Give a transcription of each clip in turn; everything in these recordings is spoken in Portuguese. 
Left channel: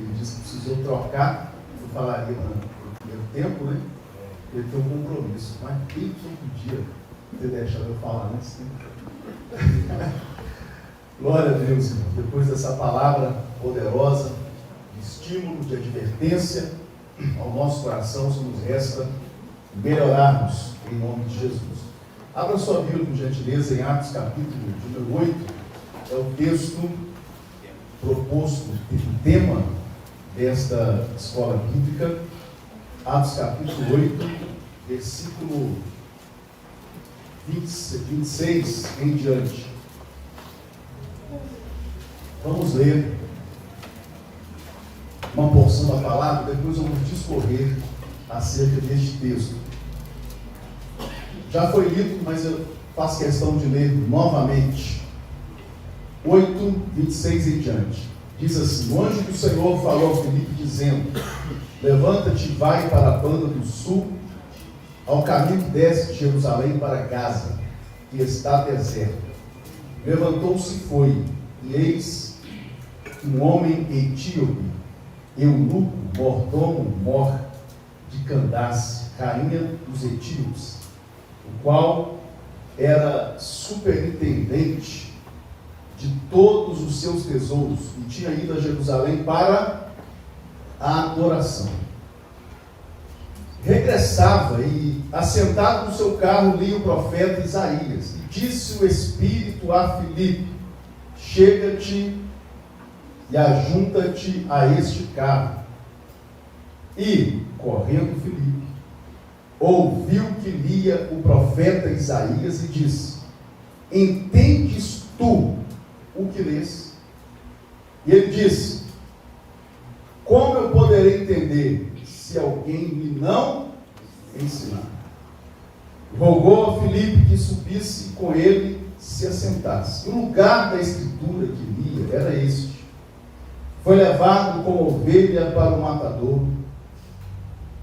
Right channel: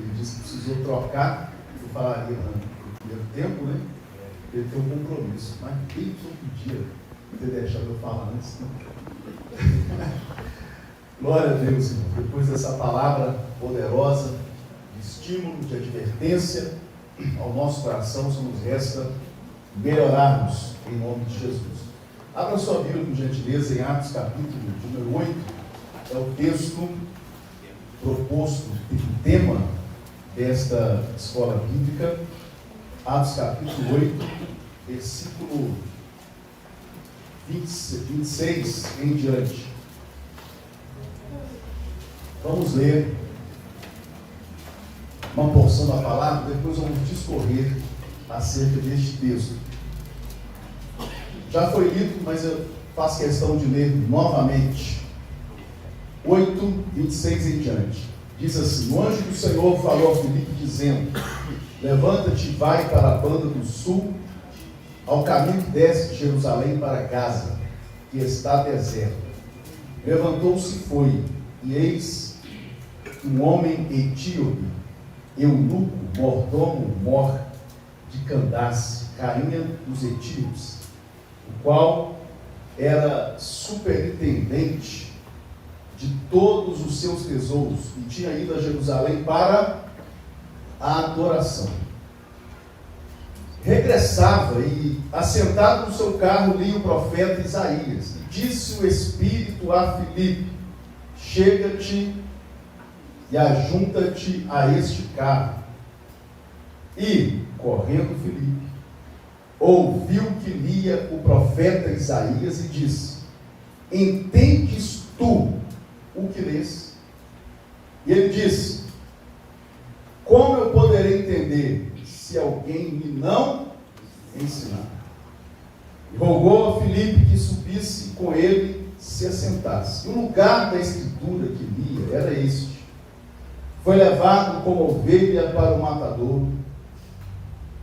ele disse que precisou trocar, eu falaria no primeiro tempo, né? Ele tem um compromisso, mas bem que eu podia ter deixado eu falar antes, né? Glória a Deus, irmão. Depois dessa palavra poderosa, de estímulo, de advertência ao nosso coração, só nos resta melhorarmos em nome de Jesus. Abra sua Bíblia, por gentileza, em Atos capítulo número 8, é o texto proposto, o tema desta escola bíblica. Atos capítulo 8, versículo 26 em diante. Vamos ler uma porção da palavra, depois vamos discorrer acerca deste texto. Já foi lido, mas eu faço questão de ler novamente. 8, 26 em diante. Diz assim: o anjo do Senhor falou a Filipe, dizendo: levanta-te e vai para a banda do sul, ao caminho que desce de Jerusalém para Gaza, que está deserto. Levantou-se e foi, e eis um homem etíope, eunuco, mordomo, mor de Candace, rainha dos etíopes, o qual era superintendente de todos os seus tesouros, e tinha ido a Jerusalém para a adoração. Regressava e, assentado no seu carro, lia o profeta Isaías, e disse o Espírito a Filipe: chega-te e ajunta-te a este carro. E, correndo Filipe, ouviu que lia o profeta Isaías e disse: entendes tu o que lês? E ele disse: como eu poderei entender se alguém me não ensinar? E rogou a Filipe que subisse com ele, se assentasse. E o lugar da escritura que lia era este: foi levado como ovelha para o matador,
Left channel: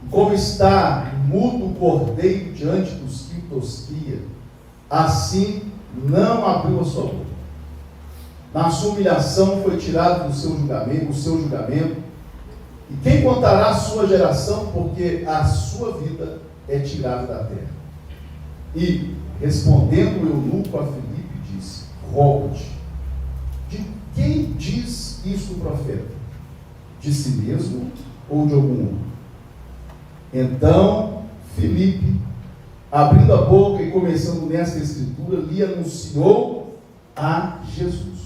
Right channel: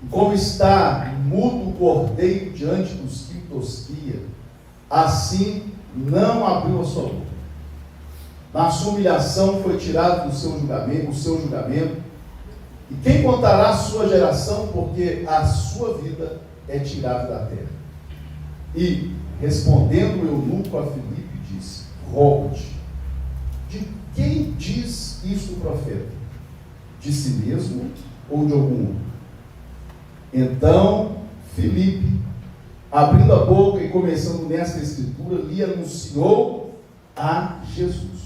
e como está mudo o cordeiro diante dos que o tosquia, assim não abriu a sua boca. Na sua humilhação foi tirado do seu julgamento, e quem contará a sua geração, porque a sua vida é tirada da terra? E, respondendo o eunuco a Filipe, disse: rogo-te, de quem diz isto o profeta? De si mesmo ou de algum outro? Então Filipe, abrindo a boca e começando nesta escritura, lhe anunciou a Jesus.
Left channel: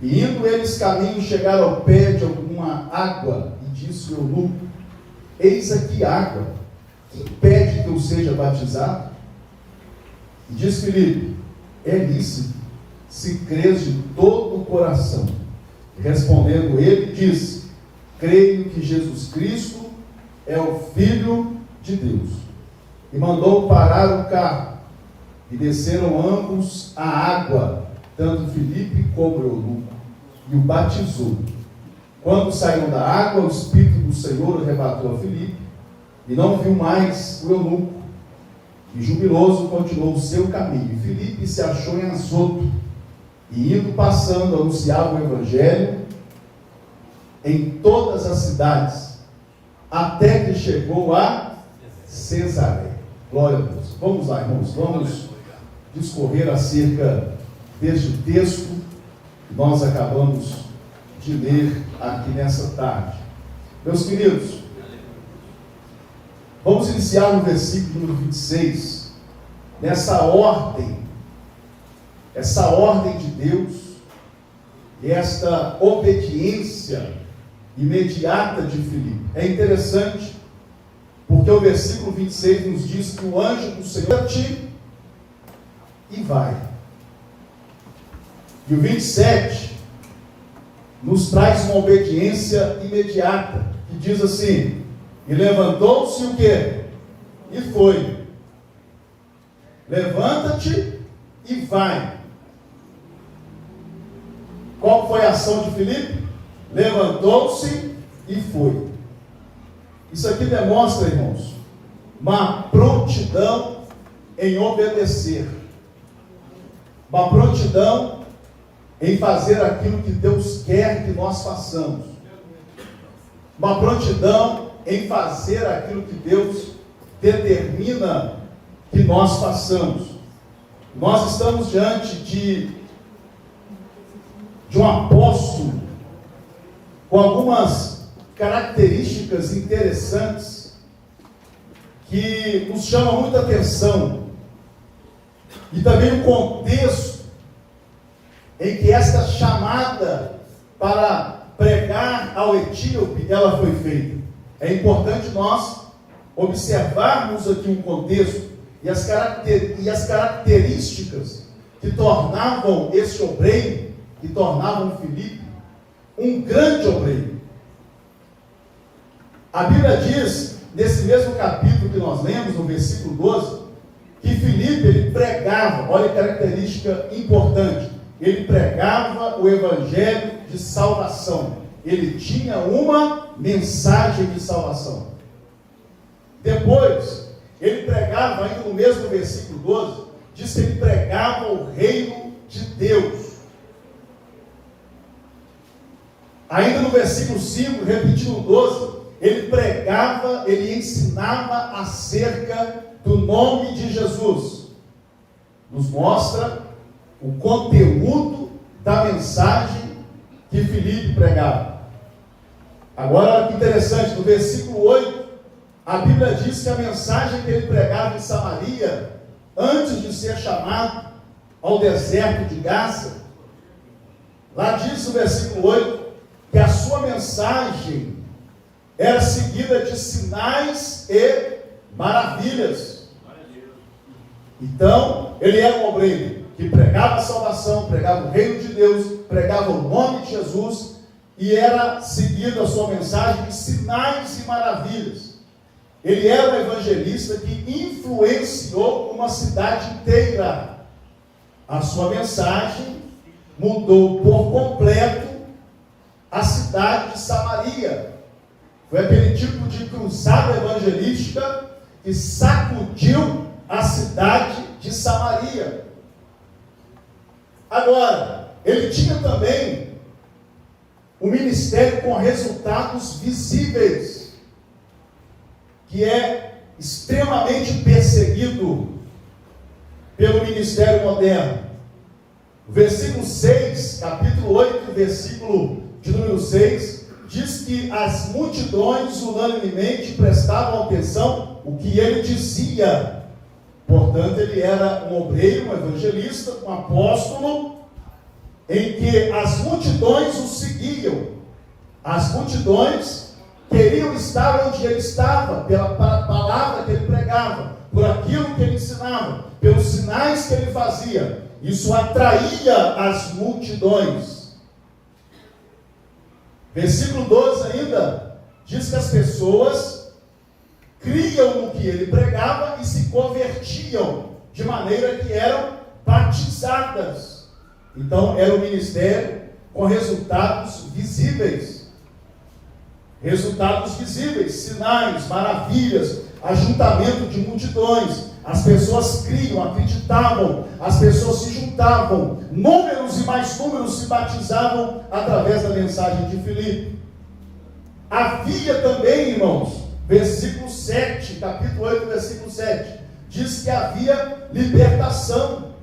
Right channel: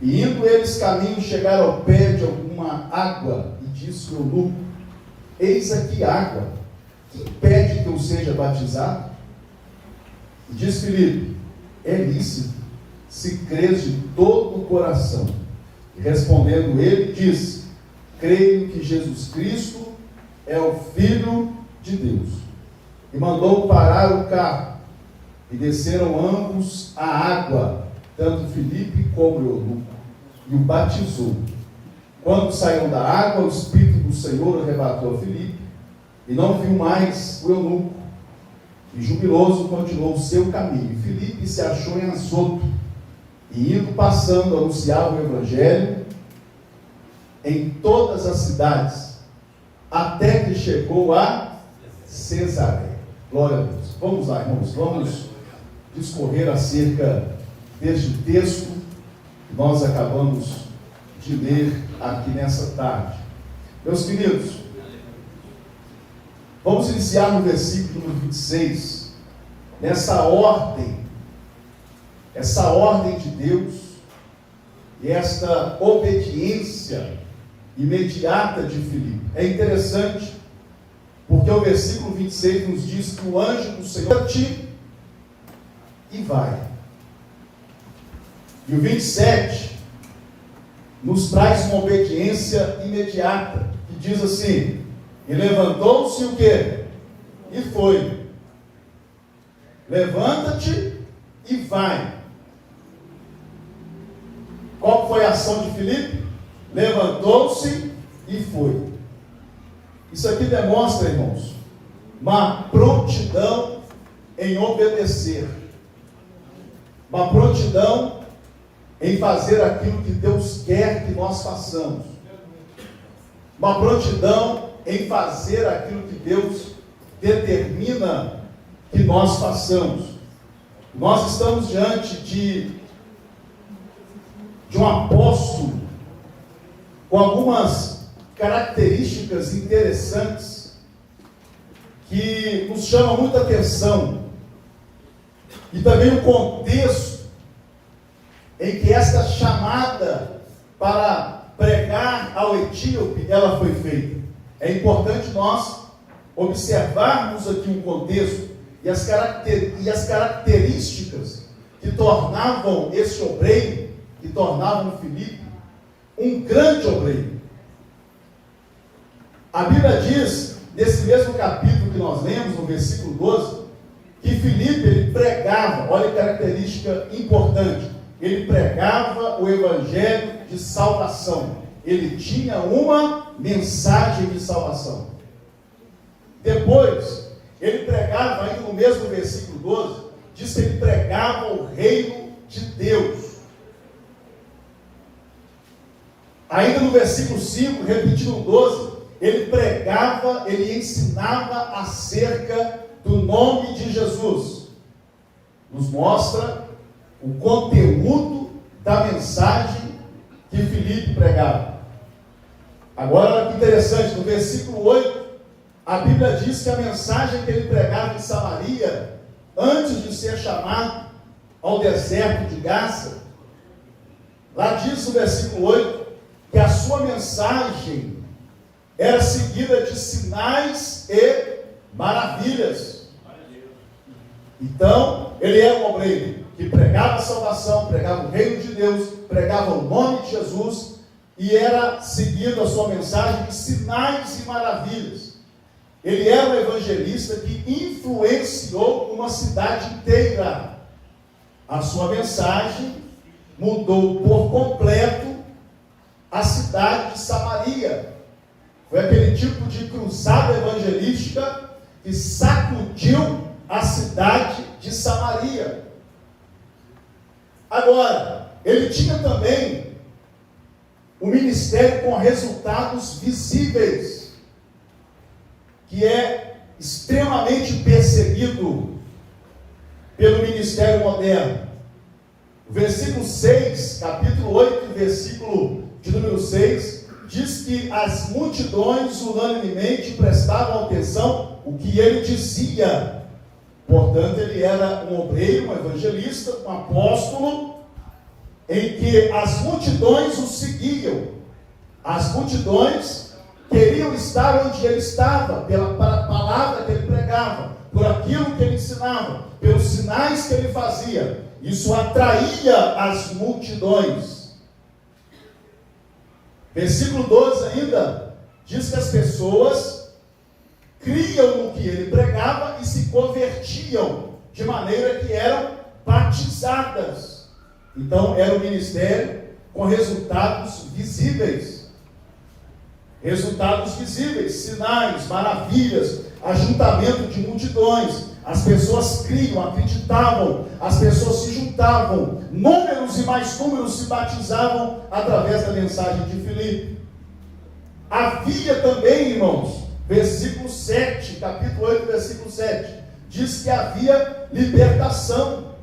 E indo eles caminho, chegaram ao pé de alguma água, e disse o eunuco: eis aqui água, quem pede que eu seja batizado? E diz Filipe: é lícito, se crês de todo o coração. E respondendo ele, disse: creio que Jesus Cristo é o Filho de Deus. E mandou parar o carro, e desceram ambos à água, tanto Filipe como o eunuco, e o batizou. Quando saíram da água, o Espírito do Senhor arrebatou a Filipe, e não viu mais o eunuco, e jubiloso continuou o seu caminho. E Filipe se achou em Azoto, e indo passando, anunciava o Evangelho em todas as cidades, até que chegou a Cesareia. Glória a Deus. Vamos lá, irmãos, vamos discorrer acerca deste texto que nós acabamos de ler aqui nessa tarde. Meus queridos, vamos iniciar no versículo número 26, nessa ordem, essa ordem de Deus, e esta obediência imediata de Filipe. É interessante, porque o versículo 26 nos diz que o anjo do Senhor te e vai. E o 27 nos traz uma obediência imediata, que diz assim: e levantou-se o quê? E foi. Levanta-te e vai. Qual foi a ação de Filipe? Levantou-se e foi. Isso aqui demonstra, irmãos, uma prontidão em obedecer, uma prontidão em fazer aquilo que Deus quer que nós façamos. uma prontidão em fazer aquilo que Deus determina que nós façamos. Nós estamos diante de um apóstolo com algumas características interessantes que nos chamam muita atenção, e também o contexto em que esta chamada para pregar ao etíope ela foi feita. É importante nós observarmos aqui um contexto e as características que tornavam esse obreiro, que tornavam Filipe um grande obreiro. A Bíblia diz, nesse mesmo capítulo que nós lemos, no versículo 12, que Filipe, ele pregava, olha a característica importante, ele pregava o evangelho de salvação. Ele tinha uma mensagem de salvação. Depois, ele pregava, ainda no mesmo versículo 12, diz que ele pregava o reino de Deus. Ainda no versículo 5, repetindo o 12, ele pregava, ele ensinava acerca do nome de Jesus. Nos mostra o conteúdo da mensagem que Filipe pregava. Agora, olha que interessante, no versículo 8, a Bíblia diz que a mensagem que ele pregava em Samaria, antes de ser chamado ao deserto de Gaza, lá diz no versículo 8, que a sua mensagem era seguida de sinais e maravilhas. Então, ele era um obreiro que pregava a salvação, pregava o reino de Deus, pregava o nome de Jesus, e era seguida a sua mensagem de sinais e maravilhas. Ele era um evangelista que influenciou uma cidade inteira. A sua mensagem mudou por completo a cidade de Samaria. Foi aquele tipo de cruzada evangelística que sacudiu a cidade de Samaria. Agora, ele tinha também um ministério com resultados visíveis, que é extremamente perseguido pelo ministério moderno. Versículo 6, capítulo 8, versículo de número 6, diz que as multidões unanimemente prestavam atenção o que ele dizia. Portanto, ele era um obreiro, um evangelista, um apóstolo, em que as multidões o seguiam. As multidões queriam estar onde ele estava, pela palavra que ele pregava, por aquilo que ele ensinava, pelos sinais que ele fazia. Isso atraía as multidões. Versículo 12 ainda, diz que as pessoas criam no que ele pregava e se convertiam, de maneira que eram batizadas. Então, era um ministério com resultados visíveis. Resultados visíveis, sinais, maravilhas, ajuntamento de multidões. As pessoas criam, acreditavam, as pessoas se juntavam, números e mais números se batizavam através da mensagem de Filipe. Havia também, irmãos, versículo 7, capítulo 8, versículo 7, diz que havia libertação.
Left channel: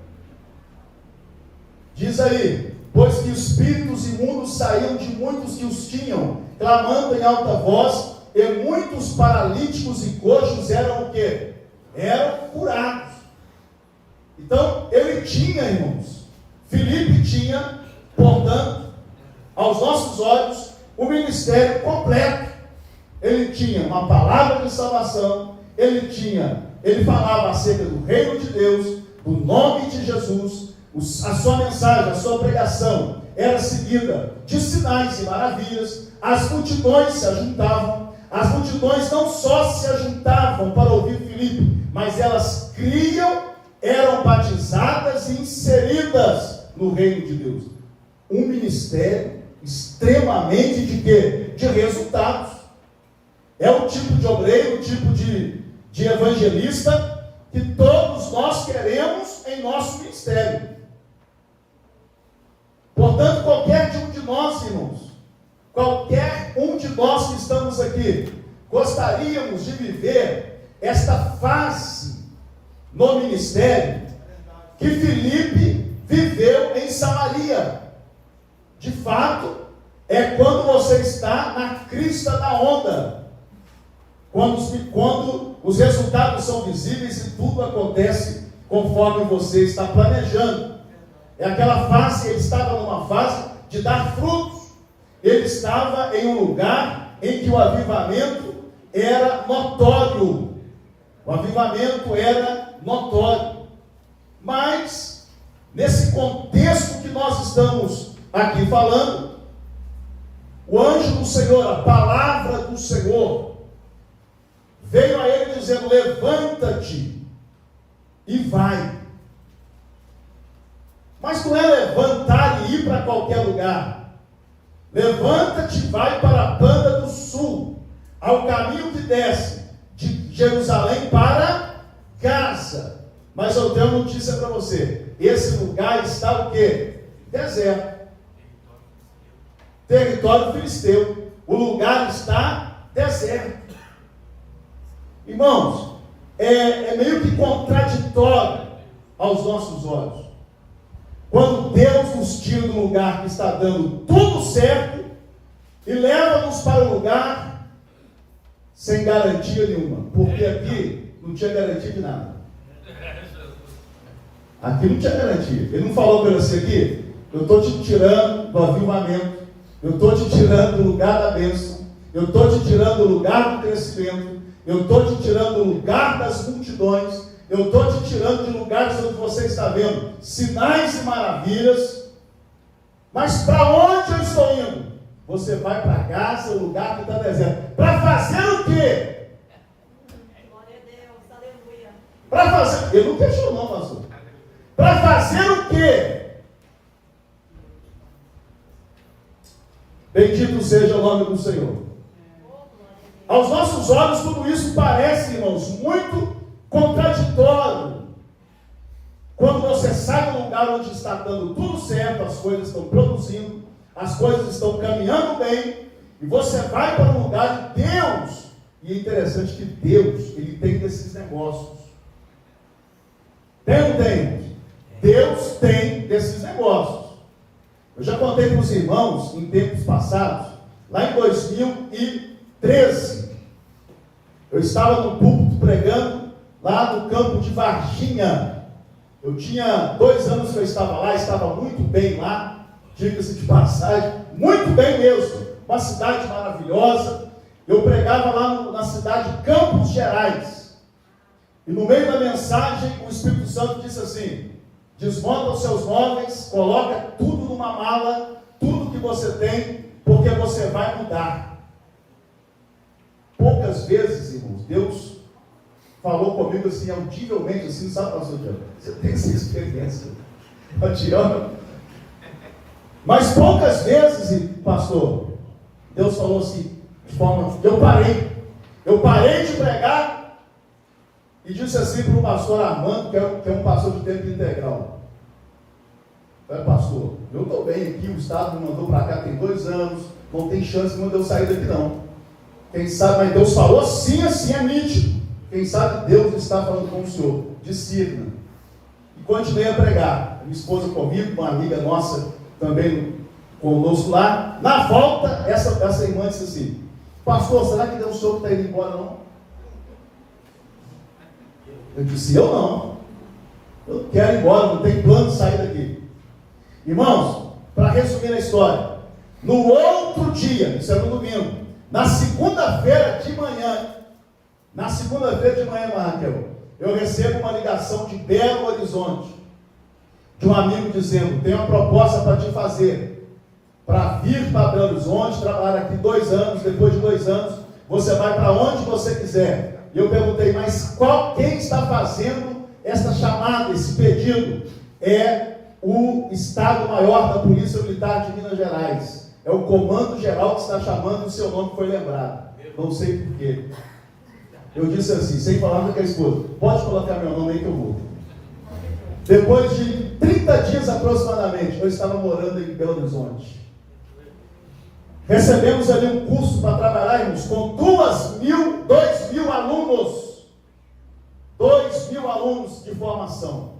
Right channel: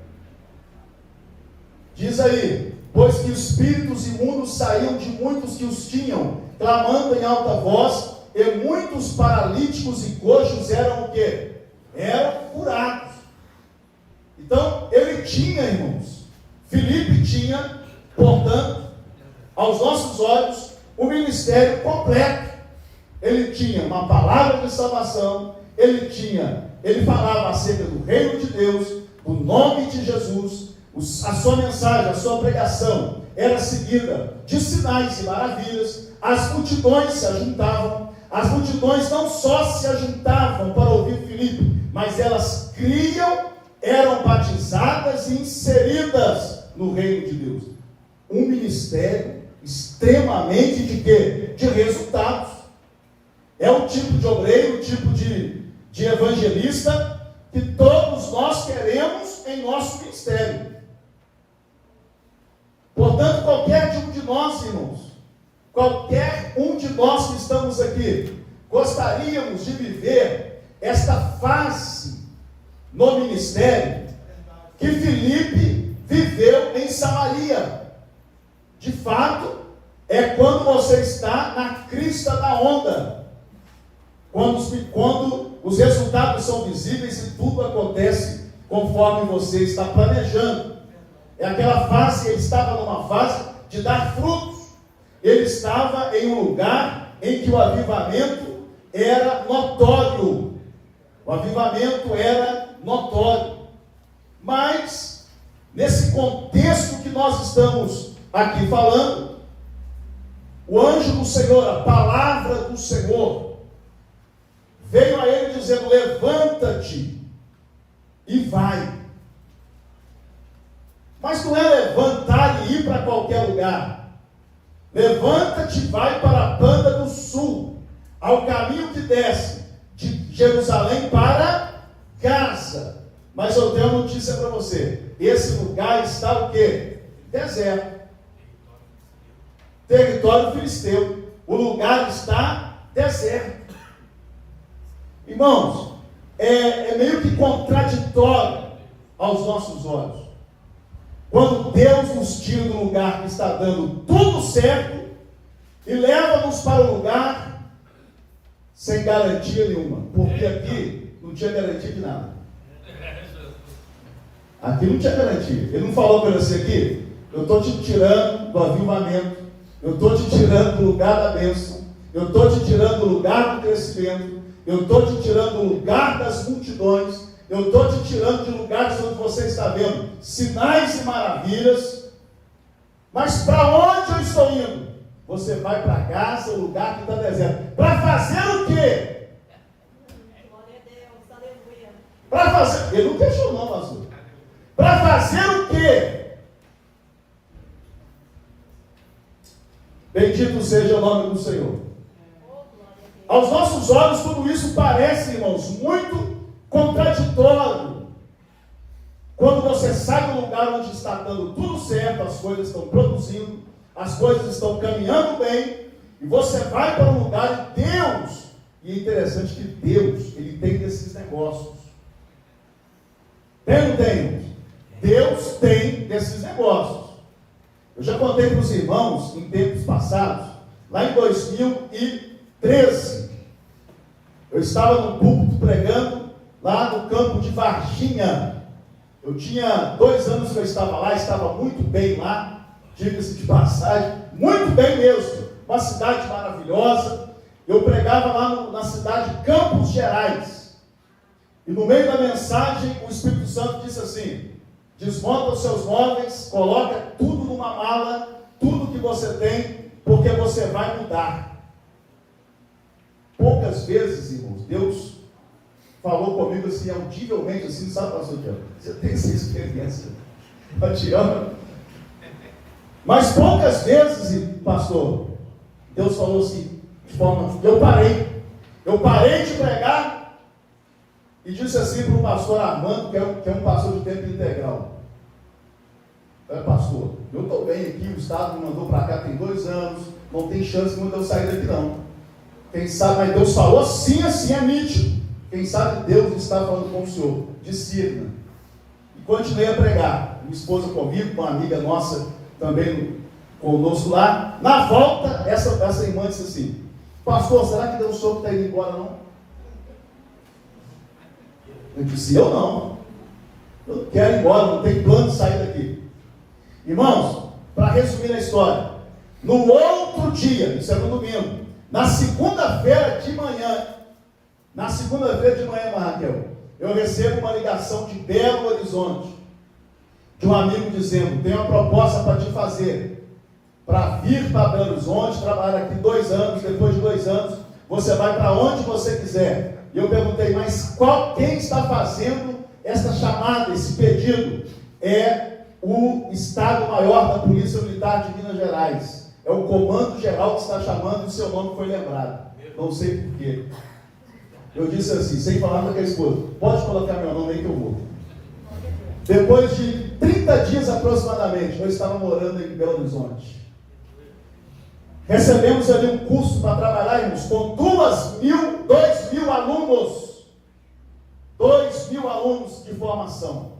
Diz aí, pois que espíritos imundos saíam de muitos que os tinham, clamando em alta voz, e muitos paralíticos e coxos eram o quê? Eram curados. Então, ele tinha, irmãos, Filipe tinha, portanto, aos nossos olhos, um ministério completo. Ele tinha uma palavra de salvação, ele falava acerca do reino de Deus, do nome de Jesus, a sua mensagem, a sua pregação era seguida de sinais e maravilhas. As multidões se ajuntavam. As multidões não só se ajuntavam para ouvir Filipe, mas elas criam, eram batizadas e inseridas no reino de Deus. Um ministério extremamente de quê? De resultados. É um tipo de obreiro, um tipo de evangelista que todos nós queremos em nosso ministério. Portanto, qualquer um de nós, irmãos, qualquer um de nós que estamos aqui gostaríamos de viver esta fase no ministério que Filipe viveu em Samaria. De fato, é quando você está na crista da onda, quando os resultados são visíveis e tudo acontece conforme você está planejando. É aquela fase, ele estava numa fase de dar frutos. Ele estava em um lugar em que o avivamento era notório. O avivamento era notório. Mas, nesse contexto que nós estamos aqui falando, o anjo do Senhor, a palavra do Senhor, veio a ele dizendo: levanta-te e vai. Mas não é levantar e ir para qualquer lugar. Levanta-te e vai para a banda do sul, ao caminho que desce de Jerusalém para Gaza. Mas eu tenho uma notícia para você: esse lugar está o quê? Deserto. Território filisteu. O lugar está deserto. Irmãos, é meio que contraditório aos nossos olhos. Quando Deus nos tira do lugar que está dando tudo certo e leva-nos para um lugar sem garantia nenhuma. Porque aqui não tinha garantia de nada. Aqui não tinha garantia. Ele não falou para você aqui: eu estou te tirando do avivamento, eu estou te tirando do lugar da bênção, eu estou te tirando do lugar do crescimento, eu estou te tirando do lugar das multidões, eu estou te tirando de lugares onde você está vendo sinais e maravilhas. Mas para onde eu estou indo? Você vai para Gaza, o lugar que está deserto. Para fazer o quê? Glória a Deus, aleluia. Para fazer, ele não questionou, pastor. Para fazer o quê? Bendito seja o nome do Senhor. Aos nossos olhos, tudo isso parece, irmãos, muito contraditório. Quando você sai do lugar onde está dando tudo certo, as coisas estão produzindo, as coisas estão caminhando bem, e você vai para um lugar de Deus. E é interessante que Deus, ele tem desses negócios. Tem ou não tem? Deus tem desses negócios. Eu já contei para os irmãos, em tempos passados, lá em 2013, eu estava no púlpito pregando, lá no campo de Varginha. Eu tinha 2 anos que eu estava lá, estava muito bem lá, diga-se de passagem, muito bem mesmo, uma cidade maravilhosa. Eu pregava lá na cidade de Campos Gerais, e no meio da mensagem, o Espírito Santo disse assim: desmonta os seus móveis, coloca tudo numa mala, tudo que você tem, porque você vai mudar. Poucas vezes, irmãos, Deus falou comigo assim, audivelmente, assim, sabe, pastor Tiago? Você tem essa experiência, eu te amo. Mas poucas vezes, pastor, Deus falou assim, de forma, eu parei de pregar e disse assim para o pastor Armando, que é um pastor de tempo integral: pastor, eu estou bem aqui, o Estado me mandou para cá tem 2 anos, não tem chance nenhuma de eu sair daqui não. Quem sabe, mas Deus falou assim, é nítido. Quem sabe Deus está falando com o senhor, discirna. E continuei a pregar. Minha esposa comigo, uma amiga nossa também conosco lá. Na volta, essa irmã disse assim: pastor, será que Deus soube que está indo embora não? Eu disse: eu não. Eu não quero ir embora, não tenho plano de sair daqui. Irmãos, para resumir a história, no outro dia, isso é no domingo, na segunda-feira de manhã, Raquel, eu recebo uma ligação de Belo Horizonte, de um amigo dizendo: tenho uma proposta para te fazer, para vir para Belo Horizonte, trabalhar aqui 2 anos, depois de 2 anos, você vai para onde você quiser. E eu perguntei: mas quem está fazendo esta chamada, esse pedido? É o Estado-Maior da Polícia Militar de Minas Gerais. É o Comando Geral que está chamando e o seu nome foi lembrado. Não sei porquê. Eu disse assim, sem falar com aquela esposa: pode colocar meu nome aí que eu vou. Depois de 30 dias aproximadamente, eu estava morando em Belo Horizonte. Recebemos ali um curso 2.000 alunos de formação.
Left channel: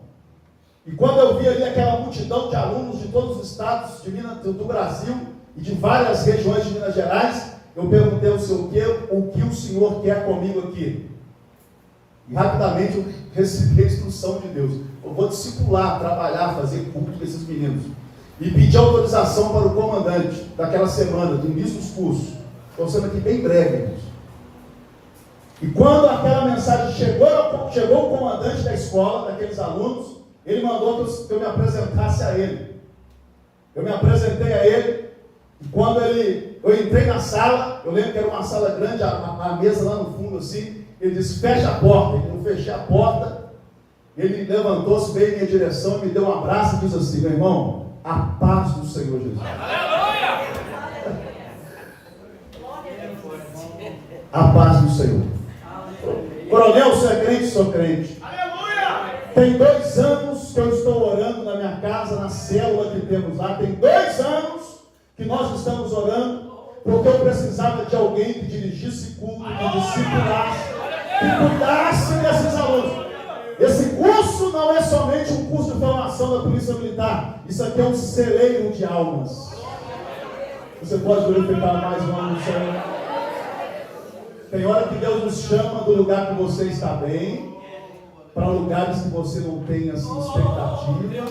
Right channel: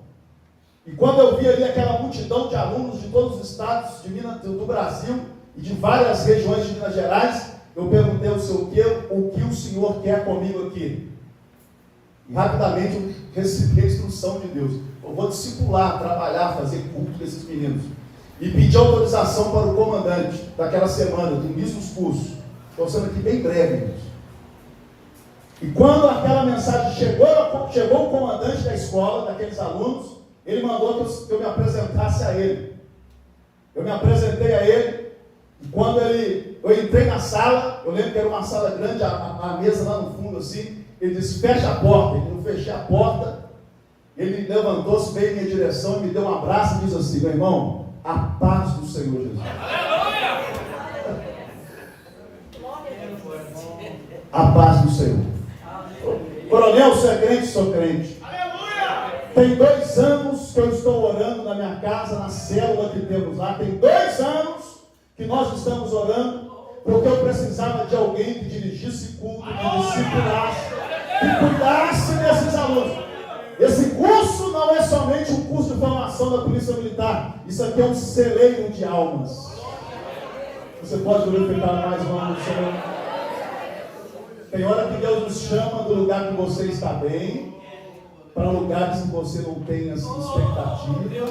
E quando eu vi ali aquela multidão de alunos de todos os estados do Brasil e de várias regiões de Minas Gerais, eu perguntei ao Senhor o que o Senhor quer comigo aqui. E rapidamente eu recebi a instrução de Deus. Eu vou discipular, trabalhar, fazer culto com esses meninos. E pedi autorização para o comandante daquela semana, do início dos cursos. Estou sendo aqui bem breve, irmãos. E quando aquela mensagem chegou o comandante da escola, daqueles alunos, ele mandou que eu me apresentasse a ele. Eu me apresentei a ele, e quando eu entrei na sala, eu lembro que era uma sala grande, a mesa lá no fundo assim, ele disse, fecha a porta. Eu fechei a porta, ele levantou-se, veio em minha direção, me deu um abraço e disse assim, meu irmão, a paz do Senhor Jesus. Aleluia! A paz do Senhor. Coronel, você é crente? Sou crente. Aleluia! Tem 2 anos que eu estou orando na minha casa, na célula que temos lá. Tem 2 anos que nós estamos orando, porque eu precisava de alguém que dirigisse culto, que discipulasse, que cuidasse desses alunos. Esse curso não é somente um curso de formação da Polícia Militar. Isso aqui é um celeiro de almas. Você pode glorificar mais o nome do Senhor. Tem hora que Deus nos chama do lugar que você está bem, para lugares que você não tem assim, expectativa.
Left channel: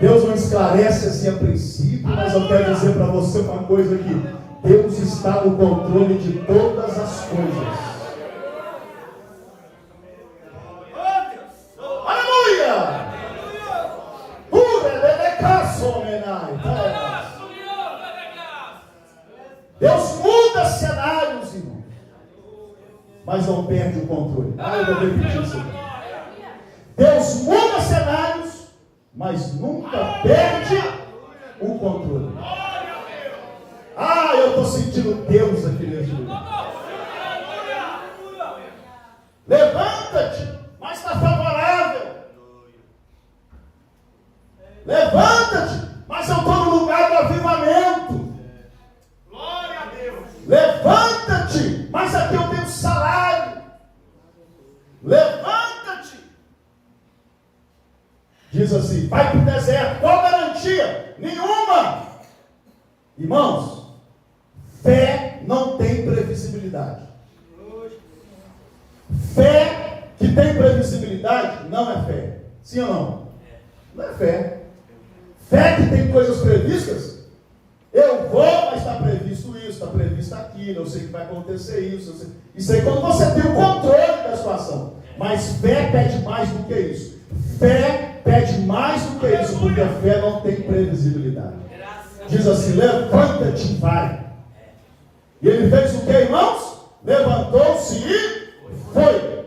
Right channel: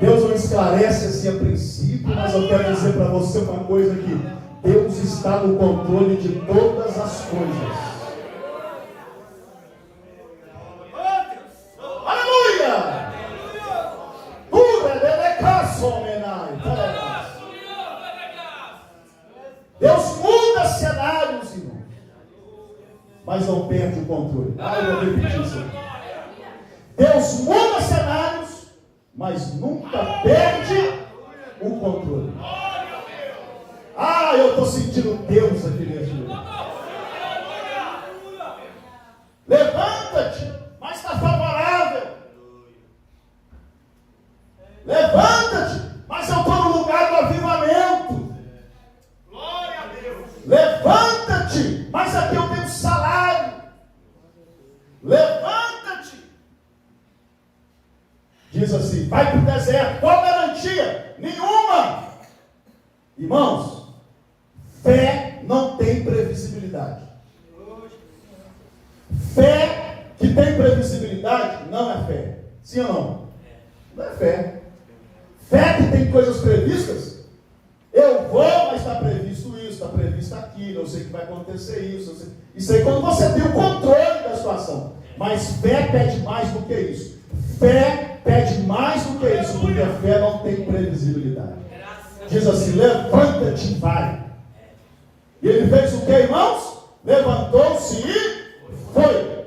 Deus não esclarece assim a princípio, mas eu quero dizer para você uma coisa aqui. Deus está no controle de todas as coisas. Aleluia! Deus muda cenários, irmão, mas não perde o controle. Eu vou repetir isso aqui. Deus muda cenários, mas nunca perde o controle. Eu estou sentindo Deus aqui nesse lugar. Levanta-te, mas está favorável. Levanta-te, mas eu estou no lugar do avivamento. Glória a Deus. Levanta-te, mas aqui eu tenho salário. Levanta-te. Diz assim, vai para o deserto. Qual garantia? Nenhuma. Irmãos, fé não tem previsibilidade. Fé que tem previsibilidade não é fé. Sim ou não? Não é fé. Fé que tem coisas previstas. Eu vou, mas está previsto isso, está previsto aquilo, eu sei que vai acontecer isso. Isso aí quando você tem o controle da situação. Mas fé pede mais do que isso. Fé pede mais do que isso, porque a fé não tem previsibilidade. Diz assim, levanta-te e vai. E ele fez o que, irmãos? Levantou-se e foi.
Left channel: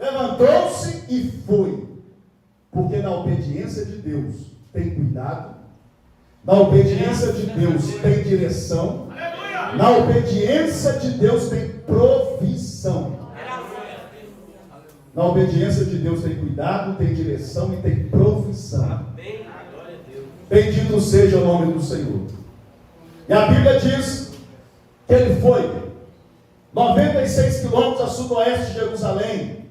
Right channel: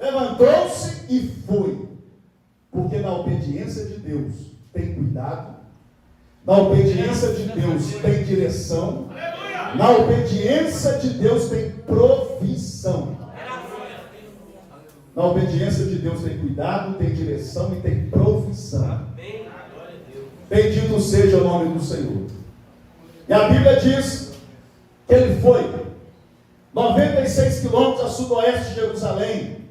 Levantou-se e foi. Porque na obediência de Deus tem cuidado. Na obediência de Deus tem direção. Na obediência de Deus tem provisão. Na obediência de Deus tem cuidado, tem direção e tem provisão. Bendito seja o nome do Senhor. E a Bíblia diz que ele foi 96 quilômetros a sudoeste de Jerusalém.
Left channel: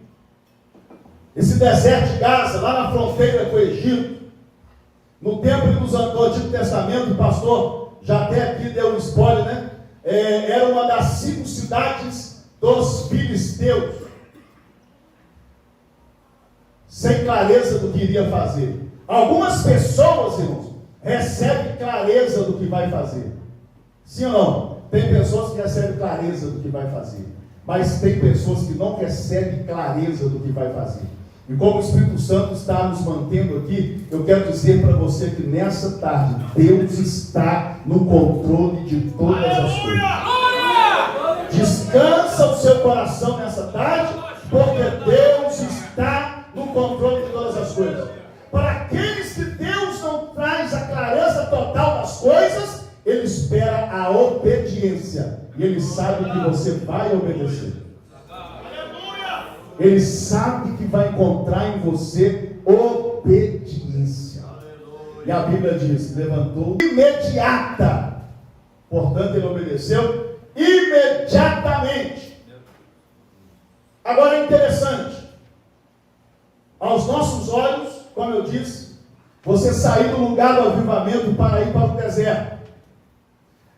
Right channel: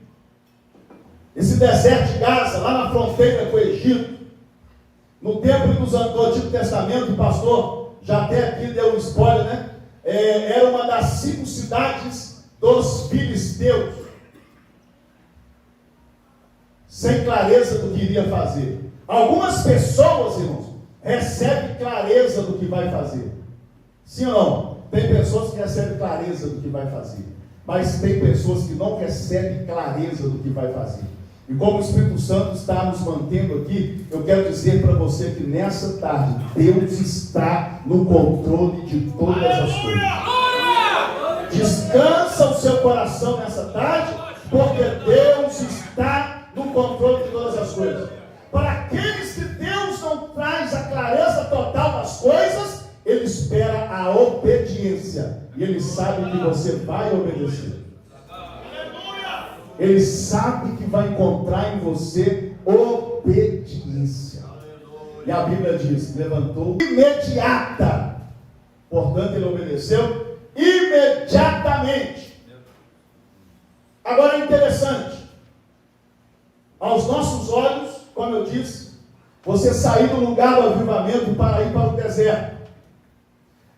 Esse deserto de Gaza, lá na fronteira com o Egito. No tempo do Antigo Testamento, o pastor já até aqui deu um spoiler, né? Era uma das 5 cidades dos filisteus. Sem clareza do que iria fazer. Algumas pessoas, irmãos, recebem clareza do que vai fazer. Sim ou não? Tem pessoas que recebem clareza do que vai fazer. Mas tem pessoas que não recebem clareza do que vai fazer. E como o Espírito Santo está nos mantendo aqui, eu quero dizer para você que nessa tarde, Deus está no controle de todas as coisas. Descansa o seu coração nessa tarde, porque Deus está no controle de todas as coisas. Para aqueles que Deus não traz a clareza total das coisas, Ele espera a obediência. E Ele sabe que você vai obedecer. Ele sabe que vai encontrar em você obediência. E a Bíblia diz, levantou imediata. Portanto, ele obedeceu imediatamente. Agora é interessante, aos nossos olhos, como eu disse, você sair do lugar do avivamento para ir para o deserto.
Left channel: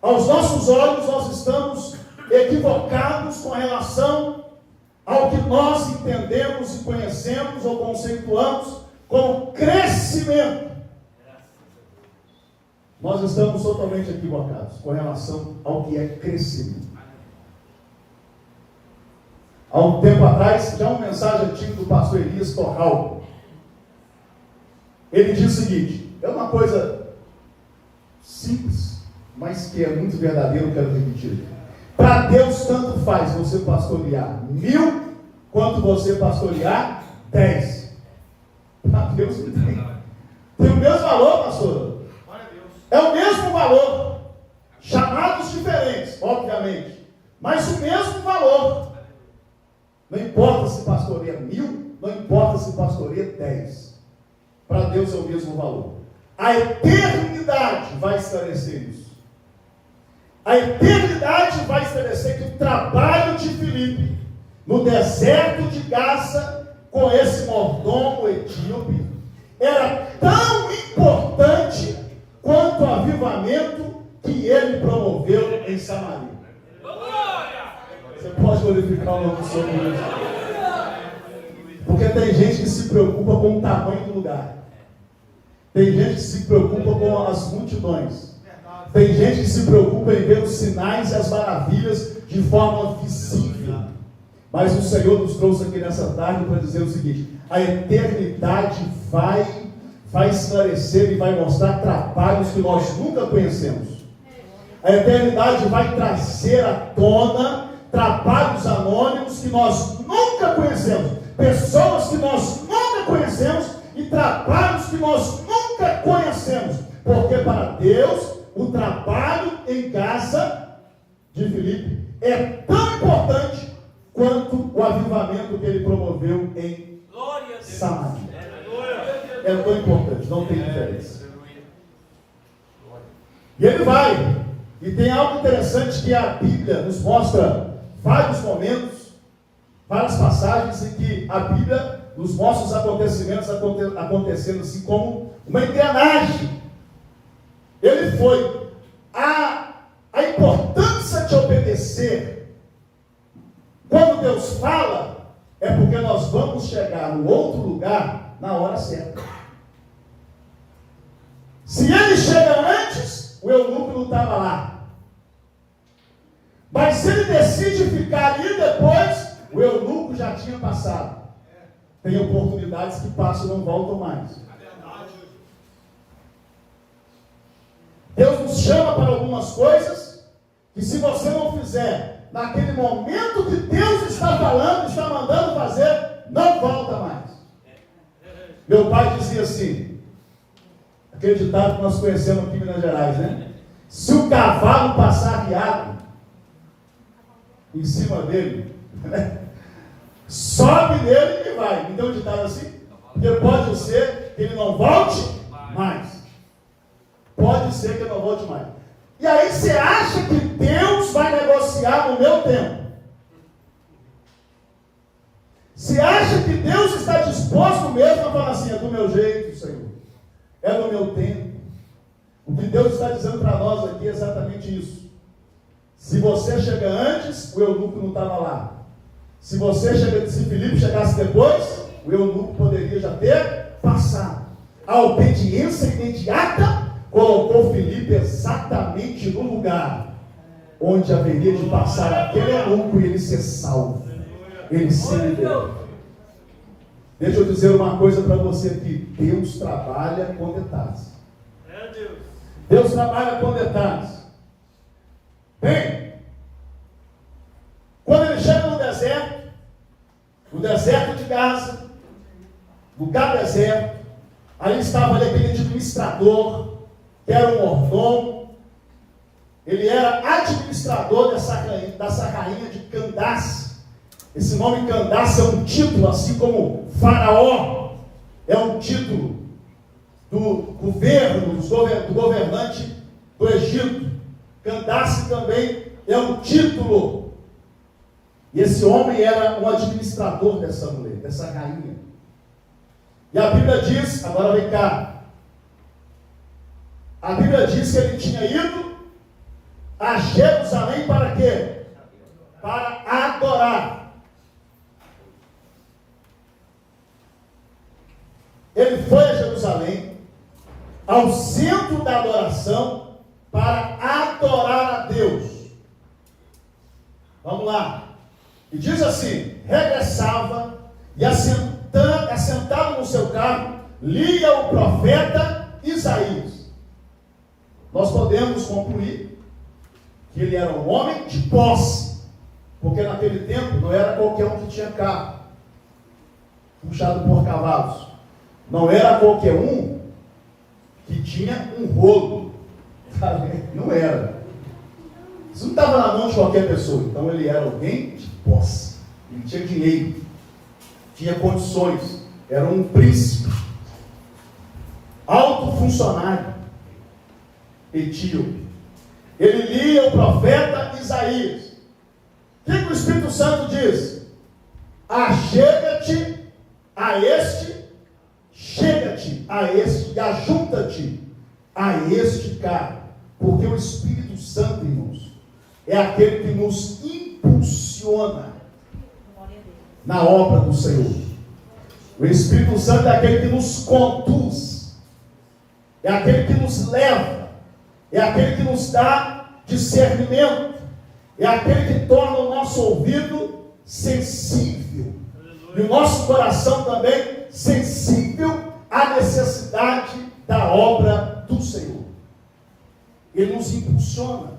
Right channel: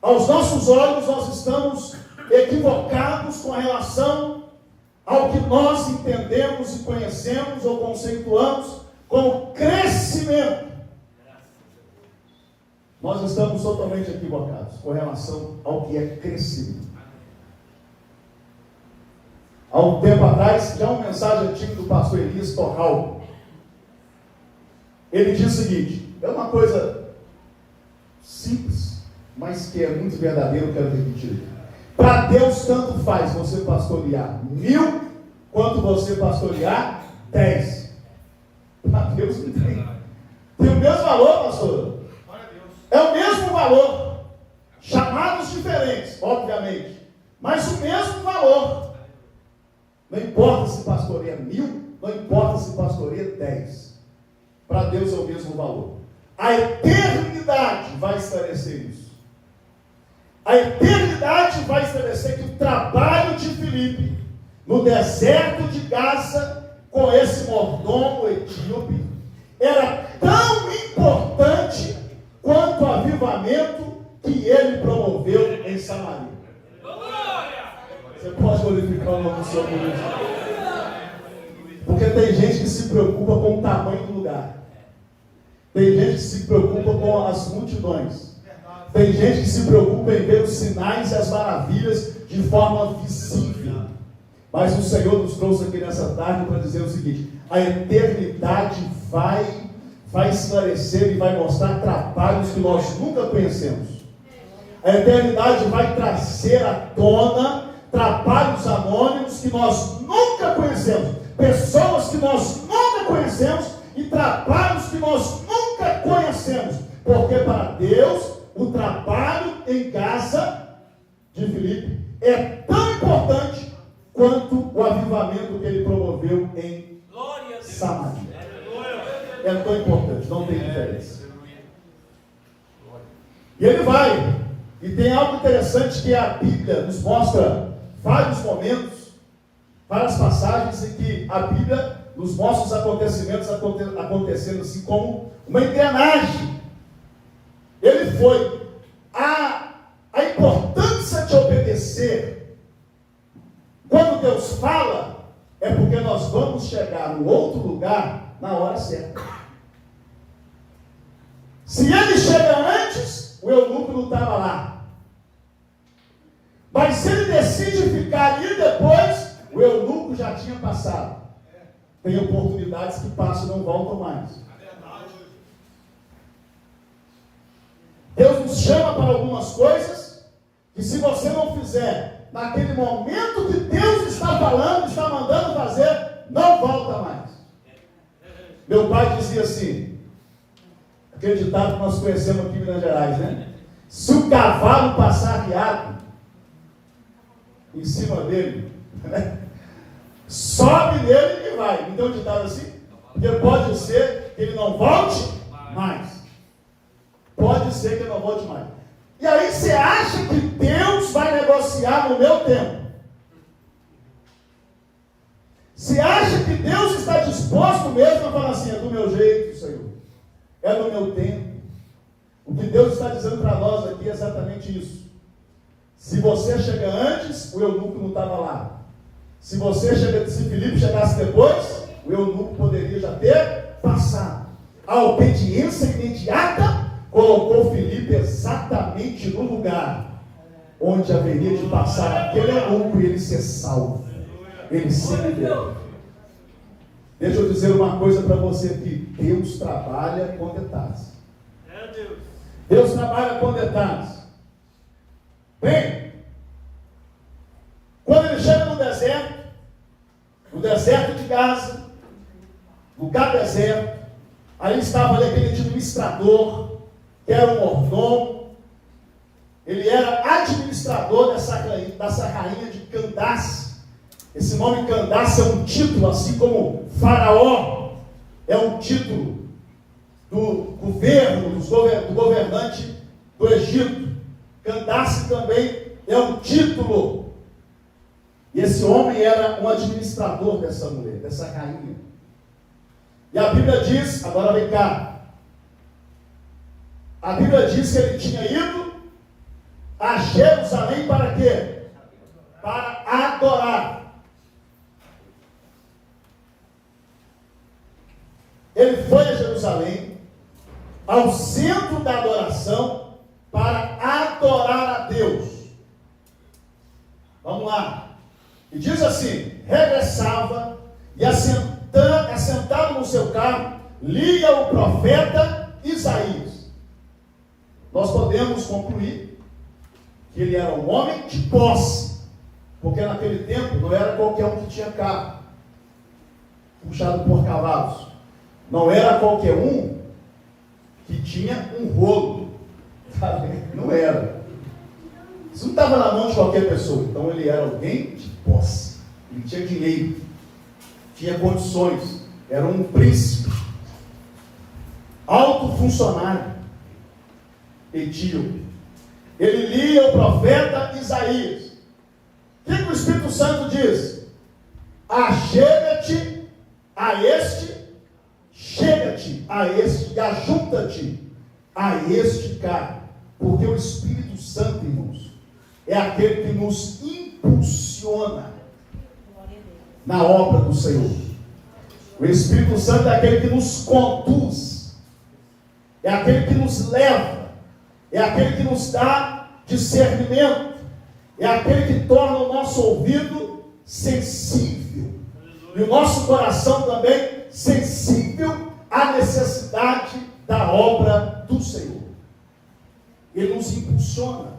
Aos nossos olhos, nós estamos equivocados com relação ao que nós entendemos e conhecemos ou conceituamos como crescimento. Nós estamos totalmente equivocados com relação ao que é crescimento. Há um tempo atrás, já uma mensagem antiga do pastor Elias Torral. Ele diz o seguinte, é uma coisa simples, mas que é muito verdadeiro, eu quero repetir. Para Deus tanto faz você pastorear 1000, quanto você pastorear 10. Para Deus não tem o mesmo valor, pastor. É o mesmo valor. Chamados diferentes, obviamente, mas o mesmo valor. Não importa se pastoreia 1000, não importa se pastoreia 10. Para Deus é o mesmo valor. A eternidade vai esclarecer isso. A eternidade vai esclarecer que o trabalho de Filipe no deserto de Gaza com esse mordomo etíope era tão importante quanto o avivamento que ele promoveu em Samaria. Você pode glorificar o nome do Senhor. Porque tem gente que se preocupa com o tamanho do lugar. Tem gente que se preocupa com as multidões. Tem gente que se preocupa em ver os sinais e as maravilhas de forma visível. Mas o Senhor nos trouxe aqui nessa tarde para dizer o seguinte: a eternidade vai esclarecer e vai mostrar trabalhos que nós nunca conhecemos. A eternidade vai trazer à tona trabalhos anônimos que nós nunca conhecemos, pessoas que nós nunca conhecemos e trabalhos que nós nunca conhecemos, porque para Deus o trabalho em Gaza de Filipe é tão importante quanto o avivamento que ele promoveu em Samaria. É tão importante, não tem diferença. E ele vai, e tem algo interessante que a Bíblia nos mostra vários momentos, várias passagens em que a Bíblia nos mostra os acontecimentos acontecendo assim como uma engrenagem. Ele foi a importância de obedecer. Quando Deus fala, é porque nós vamos chegar no outro lugar na hora certa. Se ele chega antes, o eunuco não estava lá. Mas se ele decide ficar ali depois, o eunuco já tinha passado. Tem oportunidades que passam e não voltam mais. Deus nos chama para algumas coisas que, se você não fizer naquele momento que Deus está falando, está mandando fazer, não volta mais. Meu pai dizia assim, aquele ditado que nós conhecemos aqui em Minas Gerais, né? Se o cavalo passar guiado em cima dele, sobe nele e vai. Não tem um ditado assim? Porque pode ser que ele não volte mais. Pode ser que eu não volte mais. E aí você acha que Deus vai negociar no meu tempo? Você acha que Deus está disposto mesmo a falar assim, é do meu jeito, Senhor? É do meu tempo? O que Deus está dizendo para nós aqui é exatamente isso. Se você chega antes, o eunuco não estava lá. Se Filipe chegasse depois, o eunuco poderia já ter passado. A obediência imediata colocou Filipe exatamente no lugar onde haveria de passar aquele eunuco e ele ser salvo. Ele se liberou. Deixa eu dizer uma coisa para você aqui. Deus trabalha com detalhes. Deus trabalha com detalhes. Bem, quando ele chega no deserto de Gaza, lugar deserto, aí estava ali aquele administrador, que era um mordomo. Ele era administrador dessa rainha de Candace. Esse nome Candace é um título, assim como Faraó é um título do governo, do governante do Egito. Candace também é um título E esse homem era um administrador dessa mulher, dessa rainha. E a Bíblia diz, agora vem cá, a Bíblia diz que ele tinha ido a Jerusalém para quê? Para adorar. Ele foi a Jerusalém, ao centro da adoração, para adorar a Deus. Vamos lá. E diz assim: regressava e assentado no seu carro, lia o profeta Isaías. Nós podemos concluir que ele era um homem de posse, porque naquele tempo não era qualquer um que tinha carro, puxado por cavalos. Não era qualquer um que tinha um rolo. Não era. Isso não estava na mão de qualquer pessoa. Então ele era alguém de posse. Ele tinha dinheiro, tinha condições, era um príncipe, alto funcionário, etíope. Ele lia o profeta Isaías. O que o Espírito Santo diz? Achega-te a este, chega-te a este e ajunta-te a este cara. Porque o Espírito Santo, irmãos, é aquele que nos impulsiona na obra do Senhor. O Espírito Santo é aquele que nos conduz, é aquele que nos leva, é aquele que nos dá discernimento, é aquele que torna o nosso ouvido sensível e o nosso coração também sensível à necessidade da obra do Senhor. Ele nos impulsiona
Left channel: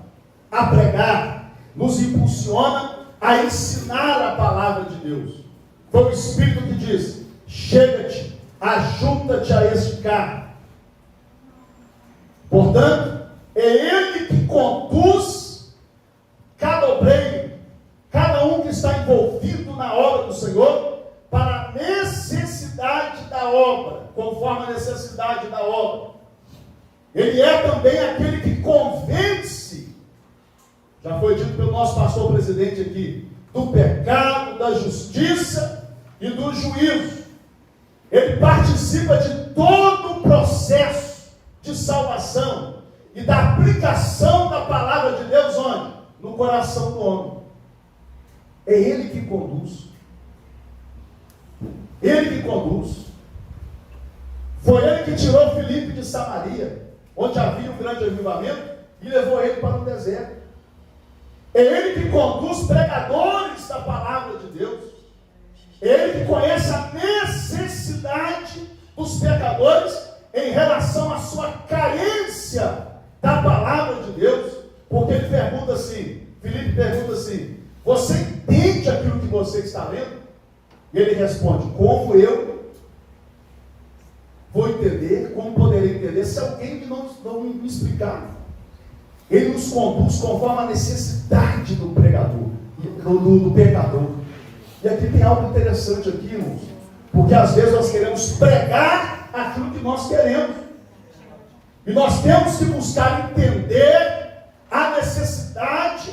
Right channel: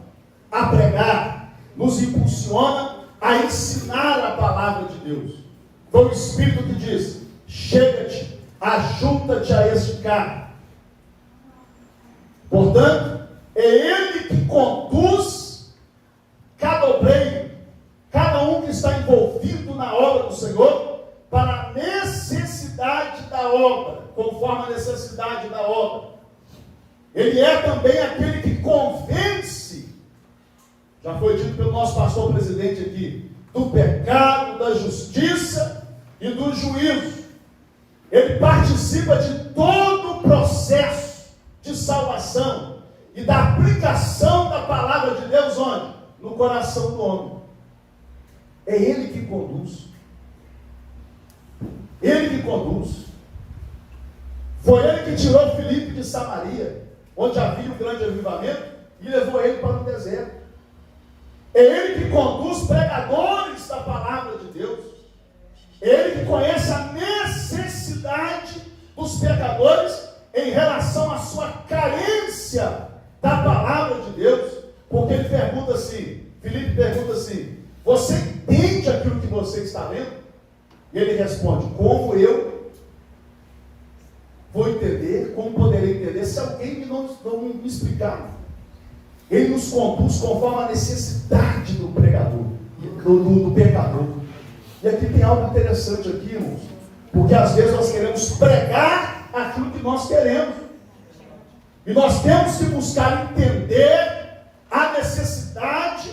a pregar, nos impulsiona a ensinar a palavra de Deus. Foi o Espírito que diz: chega-te, ajunta-te a este carro. Portanto, é Ele que conduz cada obreiro, cada um que está envolvido na obra do Senhor, para a necessidade da obra, conforme a necessidade da obra. Ele é também aquele que convence, já foi dito pelo nosso pastor presidente aqui, do pecado, da justiça e do juízo. Ele participa de todo o processo de salvação e da aplicação da palavra de Deus onde? No coração do homem. É Ele que conduz. Ele que conduz. Foi Ele que tirou Filipe de Samaria, onde havia um grande avivamento, e levou ele para o deserto. É Ele que conduz pregadores da palavra de Deus. É Ele que conhece a necessidade dos pecadores em relação à sua carência da palavra de Deus. Porque ele pergunta assim, Filipe pergunta assim: você entende aquilo que você está lendo? E ele responde: como eu vou entender, como poderei entender se alguém não me explicar? Ele nos conduz conforme a necessidade do pregador, do pecador. E aqui tem algo interessante aqui, irmãos, porque às vezes nós queremos pregar aquilo que nós queremos, e nós temos que buscar entender a necessidade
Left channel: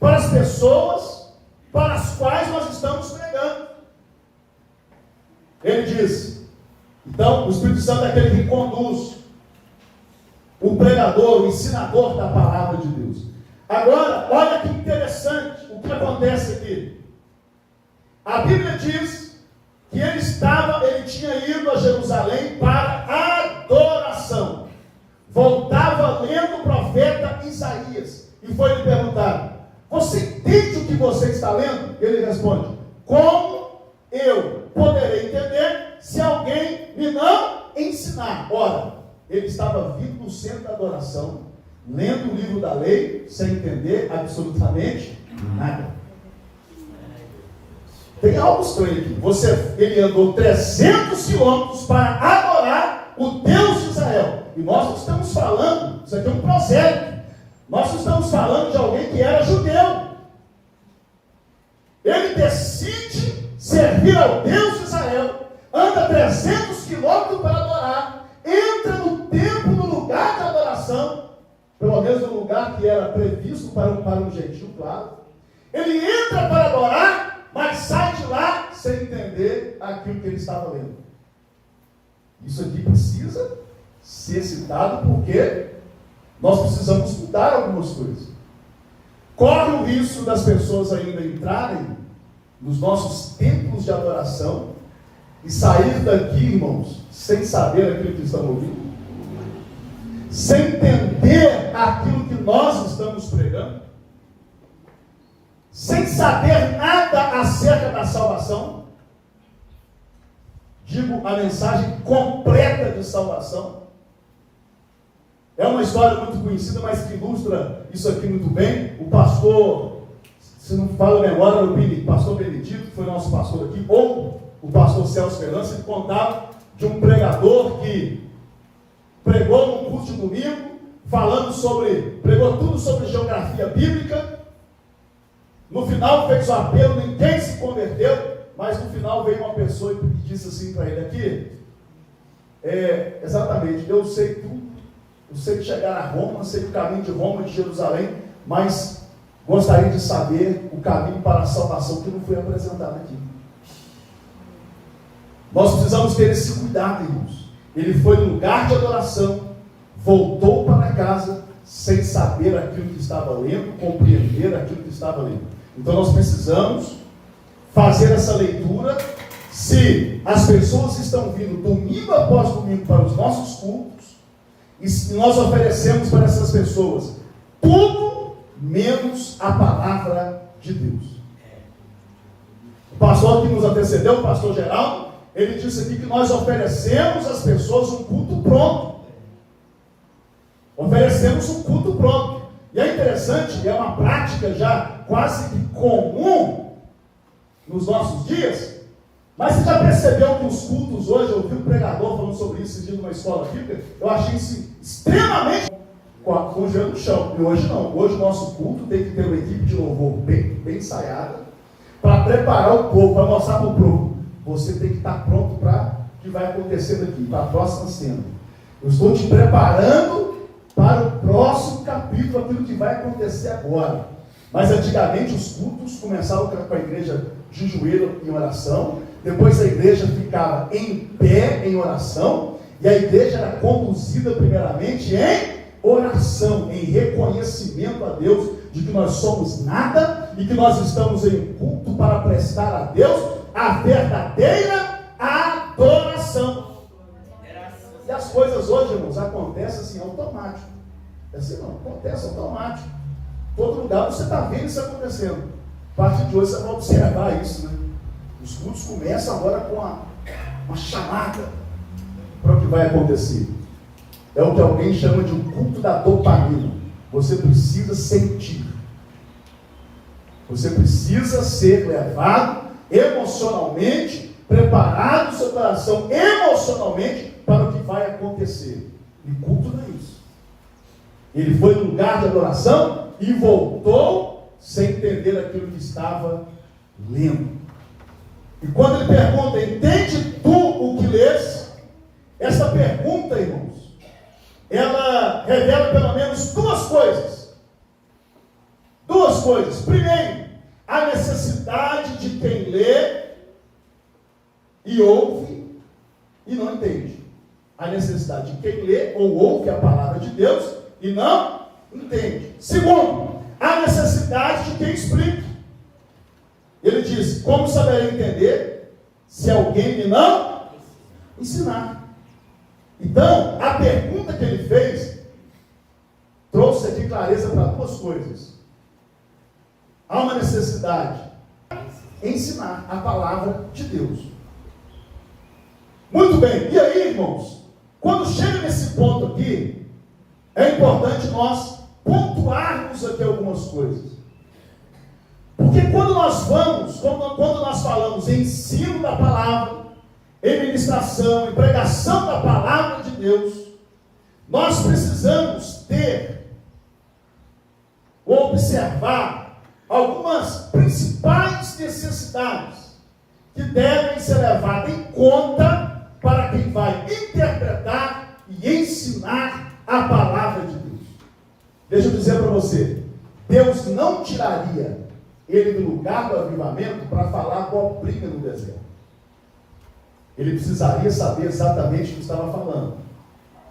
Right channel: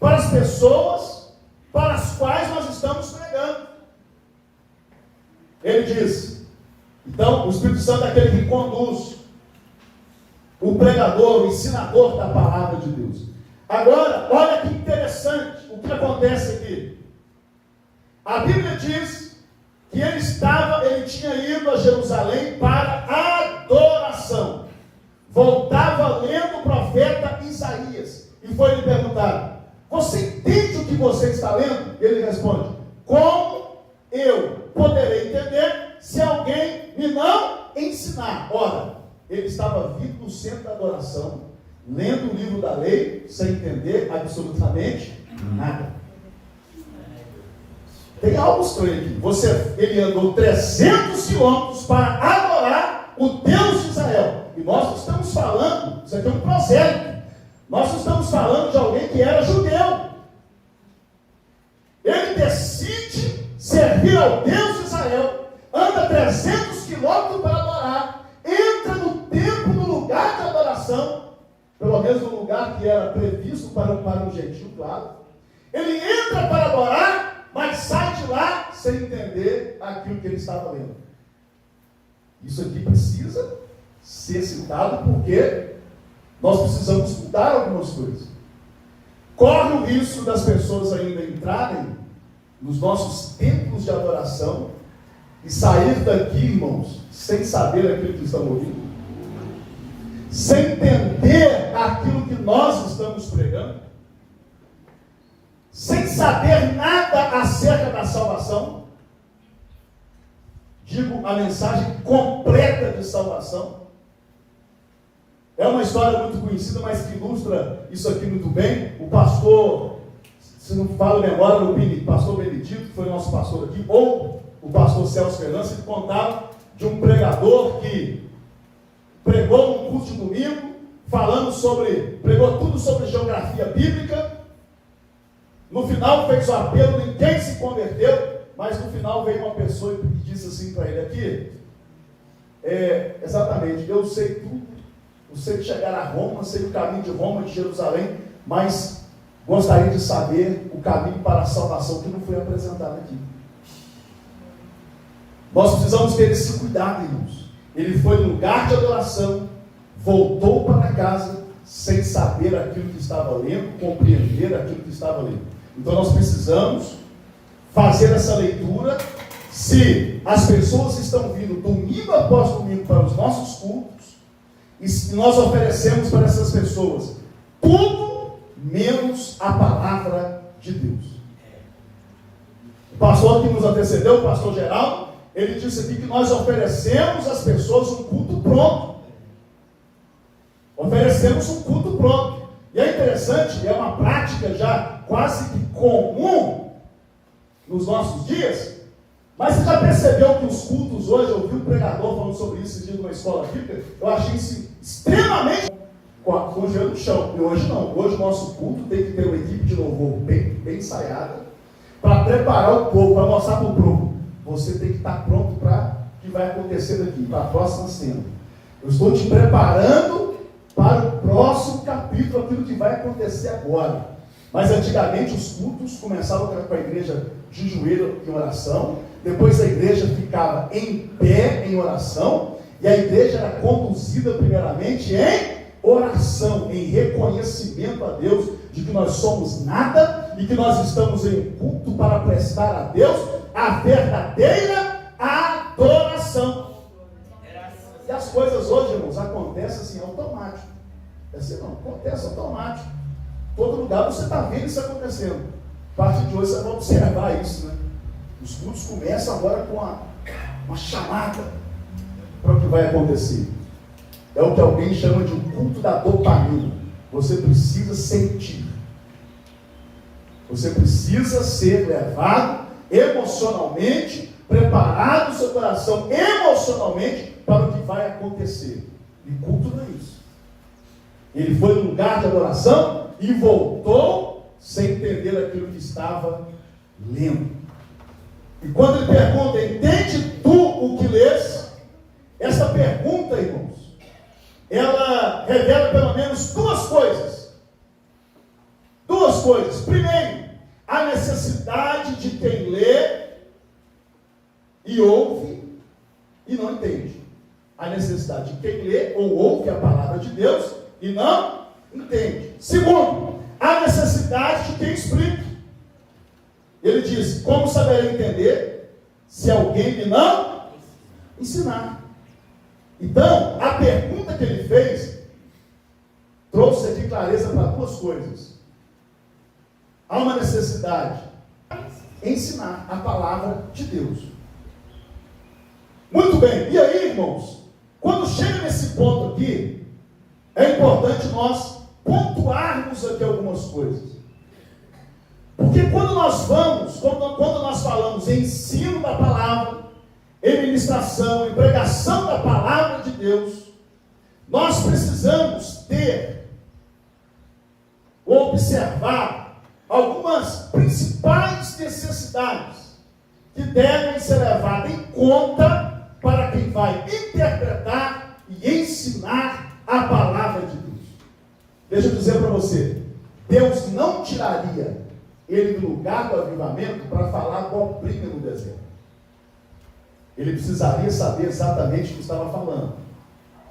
para as pessoas para as quais nós estamos pregando. Ele diz, então, o Espírito Santo é aquele que conduz o pregador, o ensinador da palavra de Deus. Agora, olha que interessante o que acontece aqui. A Bíblia diz que ele tinha ido a Jerusalém para adoração. Voltava lendo o profeta Isaías. E foi lhe perguntado: você entende o que você está lendo? Ele responde: como eu poderei entender se alguém me não ensinar? Ora, ele estava vindo no centro da adoração, lendo o livro da lei, sem entender absolutamente nada. Tem algo estranho aqui. Ele andou 300 quilômetros para adorar o Deus de Israel. E nós não estamos falando, isso aqui é um prosélito. Nós não estamos falando de alguém que era judeu. Ele decide servir ao Deus de Israel, anda 300 quilômetros para adorar, entra no templo, no lugar de adoração, pelo menos no lugar que era previsto para um gentil, claro. Ele entra para adorar, mas sai de lá sem entender aquilo que ele estava lendo. Isso aqui precisa ser citado porque nós precisamos mudar algumas coisas. Corre o risco das pessoas ainda entrarem nos nossos templos de adoração e sair daqui, irmãos, sem saber aquilo que estão ouvindo, sem entender aquilo que nós estamos pregando, sem saber nada acerca da salvação. Digo, a mensagem completa de salvação. É uma história muito conhecida, mas que ilustra isso aqui muito bem. O pastor, se não falo a memória, o pastor Benedito, que foi nosso pastor aqui, ou o pastor Celso Fernandes, ele contava de um pregador que pregou um culto de domingo, pregou tudo sobre geografia bíblica. No final fez o apelo, ninguém se converteu, mas no final veio uma pessoa e disse assim para ele aqui, exatamente, eu sei tudo, eu sei que chegar a Roma, sei o caminho de Roma, de Jerusalém, mas gostaria de saber o caminho para a salvação que não foi apresentado aqui. Nós precisamos ter esse cuidado, irmãos. Ele foi no lugar de adoração, voltou para casa, sem saber aquilo que estava lendo, compreender aquilo que estava lendo. Então nós precisamos fazer essa leitura. Se as pessoas estão vindo domingo após domingo para os nossos cultos, e nós oferecemos para essas pessoas tudo menos a palavra de Deus. O pastor que nos antecedeu, o pastor Geraldo, ele disse aqui que nós oferecemos às pessoas um culto pronto. Oferecemos um culto pronto. E é interessante, é uma prática já quase que comum nos nossos dias. Mas você já percebeu que os cultos hoje, eu ouvi um pregador falando sobre isso esse dia numa escola bíblica, eu achei isso extremamente com o joelho no chão. E hoje não. Hoje o nosso culto tem que ter uma equipe de louvor bem ensaiada, para preparar o povo, para mostrar para o povo. Você tem que estar pronto para o que vai acontecer daqui, para a próxima cena. Eu estou te preparando para o próximo capítulo, aquilo que vai acontecer agora. Mas antigamente os cultos começavam com a igreja de joelho em oração, depois a igreja ficava em pé em oração, e a igreja era conduzida primeiramente em oração, em reconhecimento a Deus de que nós somos nada e que nós estamos em culto para prestar a Deus a verdadeira adoração. E as coisas hoje, irmãos, acontecem assim automático. Assim não, acontece automático. Todo lugar você está vendo isso acontecendo. A partir de hoje você vai observar isso, né? Os cultos começam agora com uma chamada para o que vai acontecer. É o que alguém chama de um culto da dopamina. Você precisa sentir. Você precisa ser levado emocionalmente, preparado o seu coração emocionalmente para o que vai acontecer. E culto não é isso. Ele foi no lugar de adoração e voltou sem entender aquilo que estava lendo. E quando ele pergunta, entende tu o que lês? Essa pergunta, irmãos, ela revela pelo menos duas coisas. Duas coisas. Primeiro, a necessidade de quem lê e ouve e não entende. A necessidade de quem lê ou ouve a palavra de Deus e não entende. Segundo, a necessidade de quem explica. Ele diz, como saberei entender se alguém me não ensinar? Então, a pergunta que ele fez trouxe aqui clareza para duas coisas. Há uma necessidade de ensinar a palavra de Deus. Muito bem, e aí, irmãos, quando chega nesse ponto aqui, é importante nós pontuarmos aqui algumas coisas. Porque quando nós falamos em ensino da palavra, em ministração, em pregação da palavra de Deus, nós precisamos ter ou observar algumas principais necessidades que devem ser levadas em conta para quem vai interpretar e ensinar a palavra de Deus. Deixa eu dizer para você, Deus não tiraria ele do lugar do avivamento para falar abobrinha no deserto. Ele precisaria saber exatamente o que estava falando.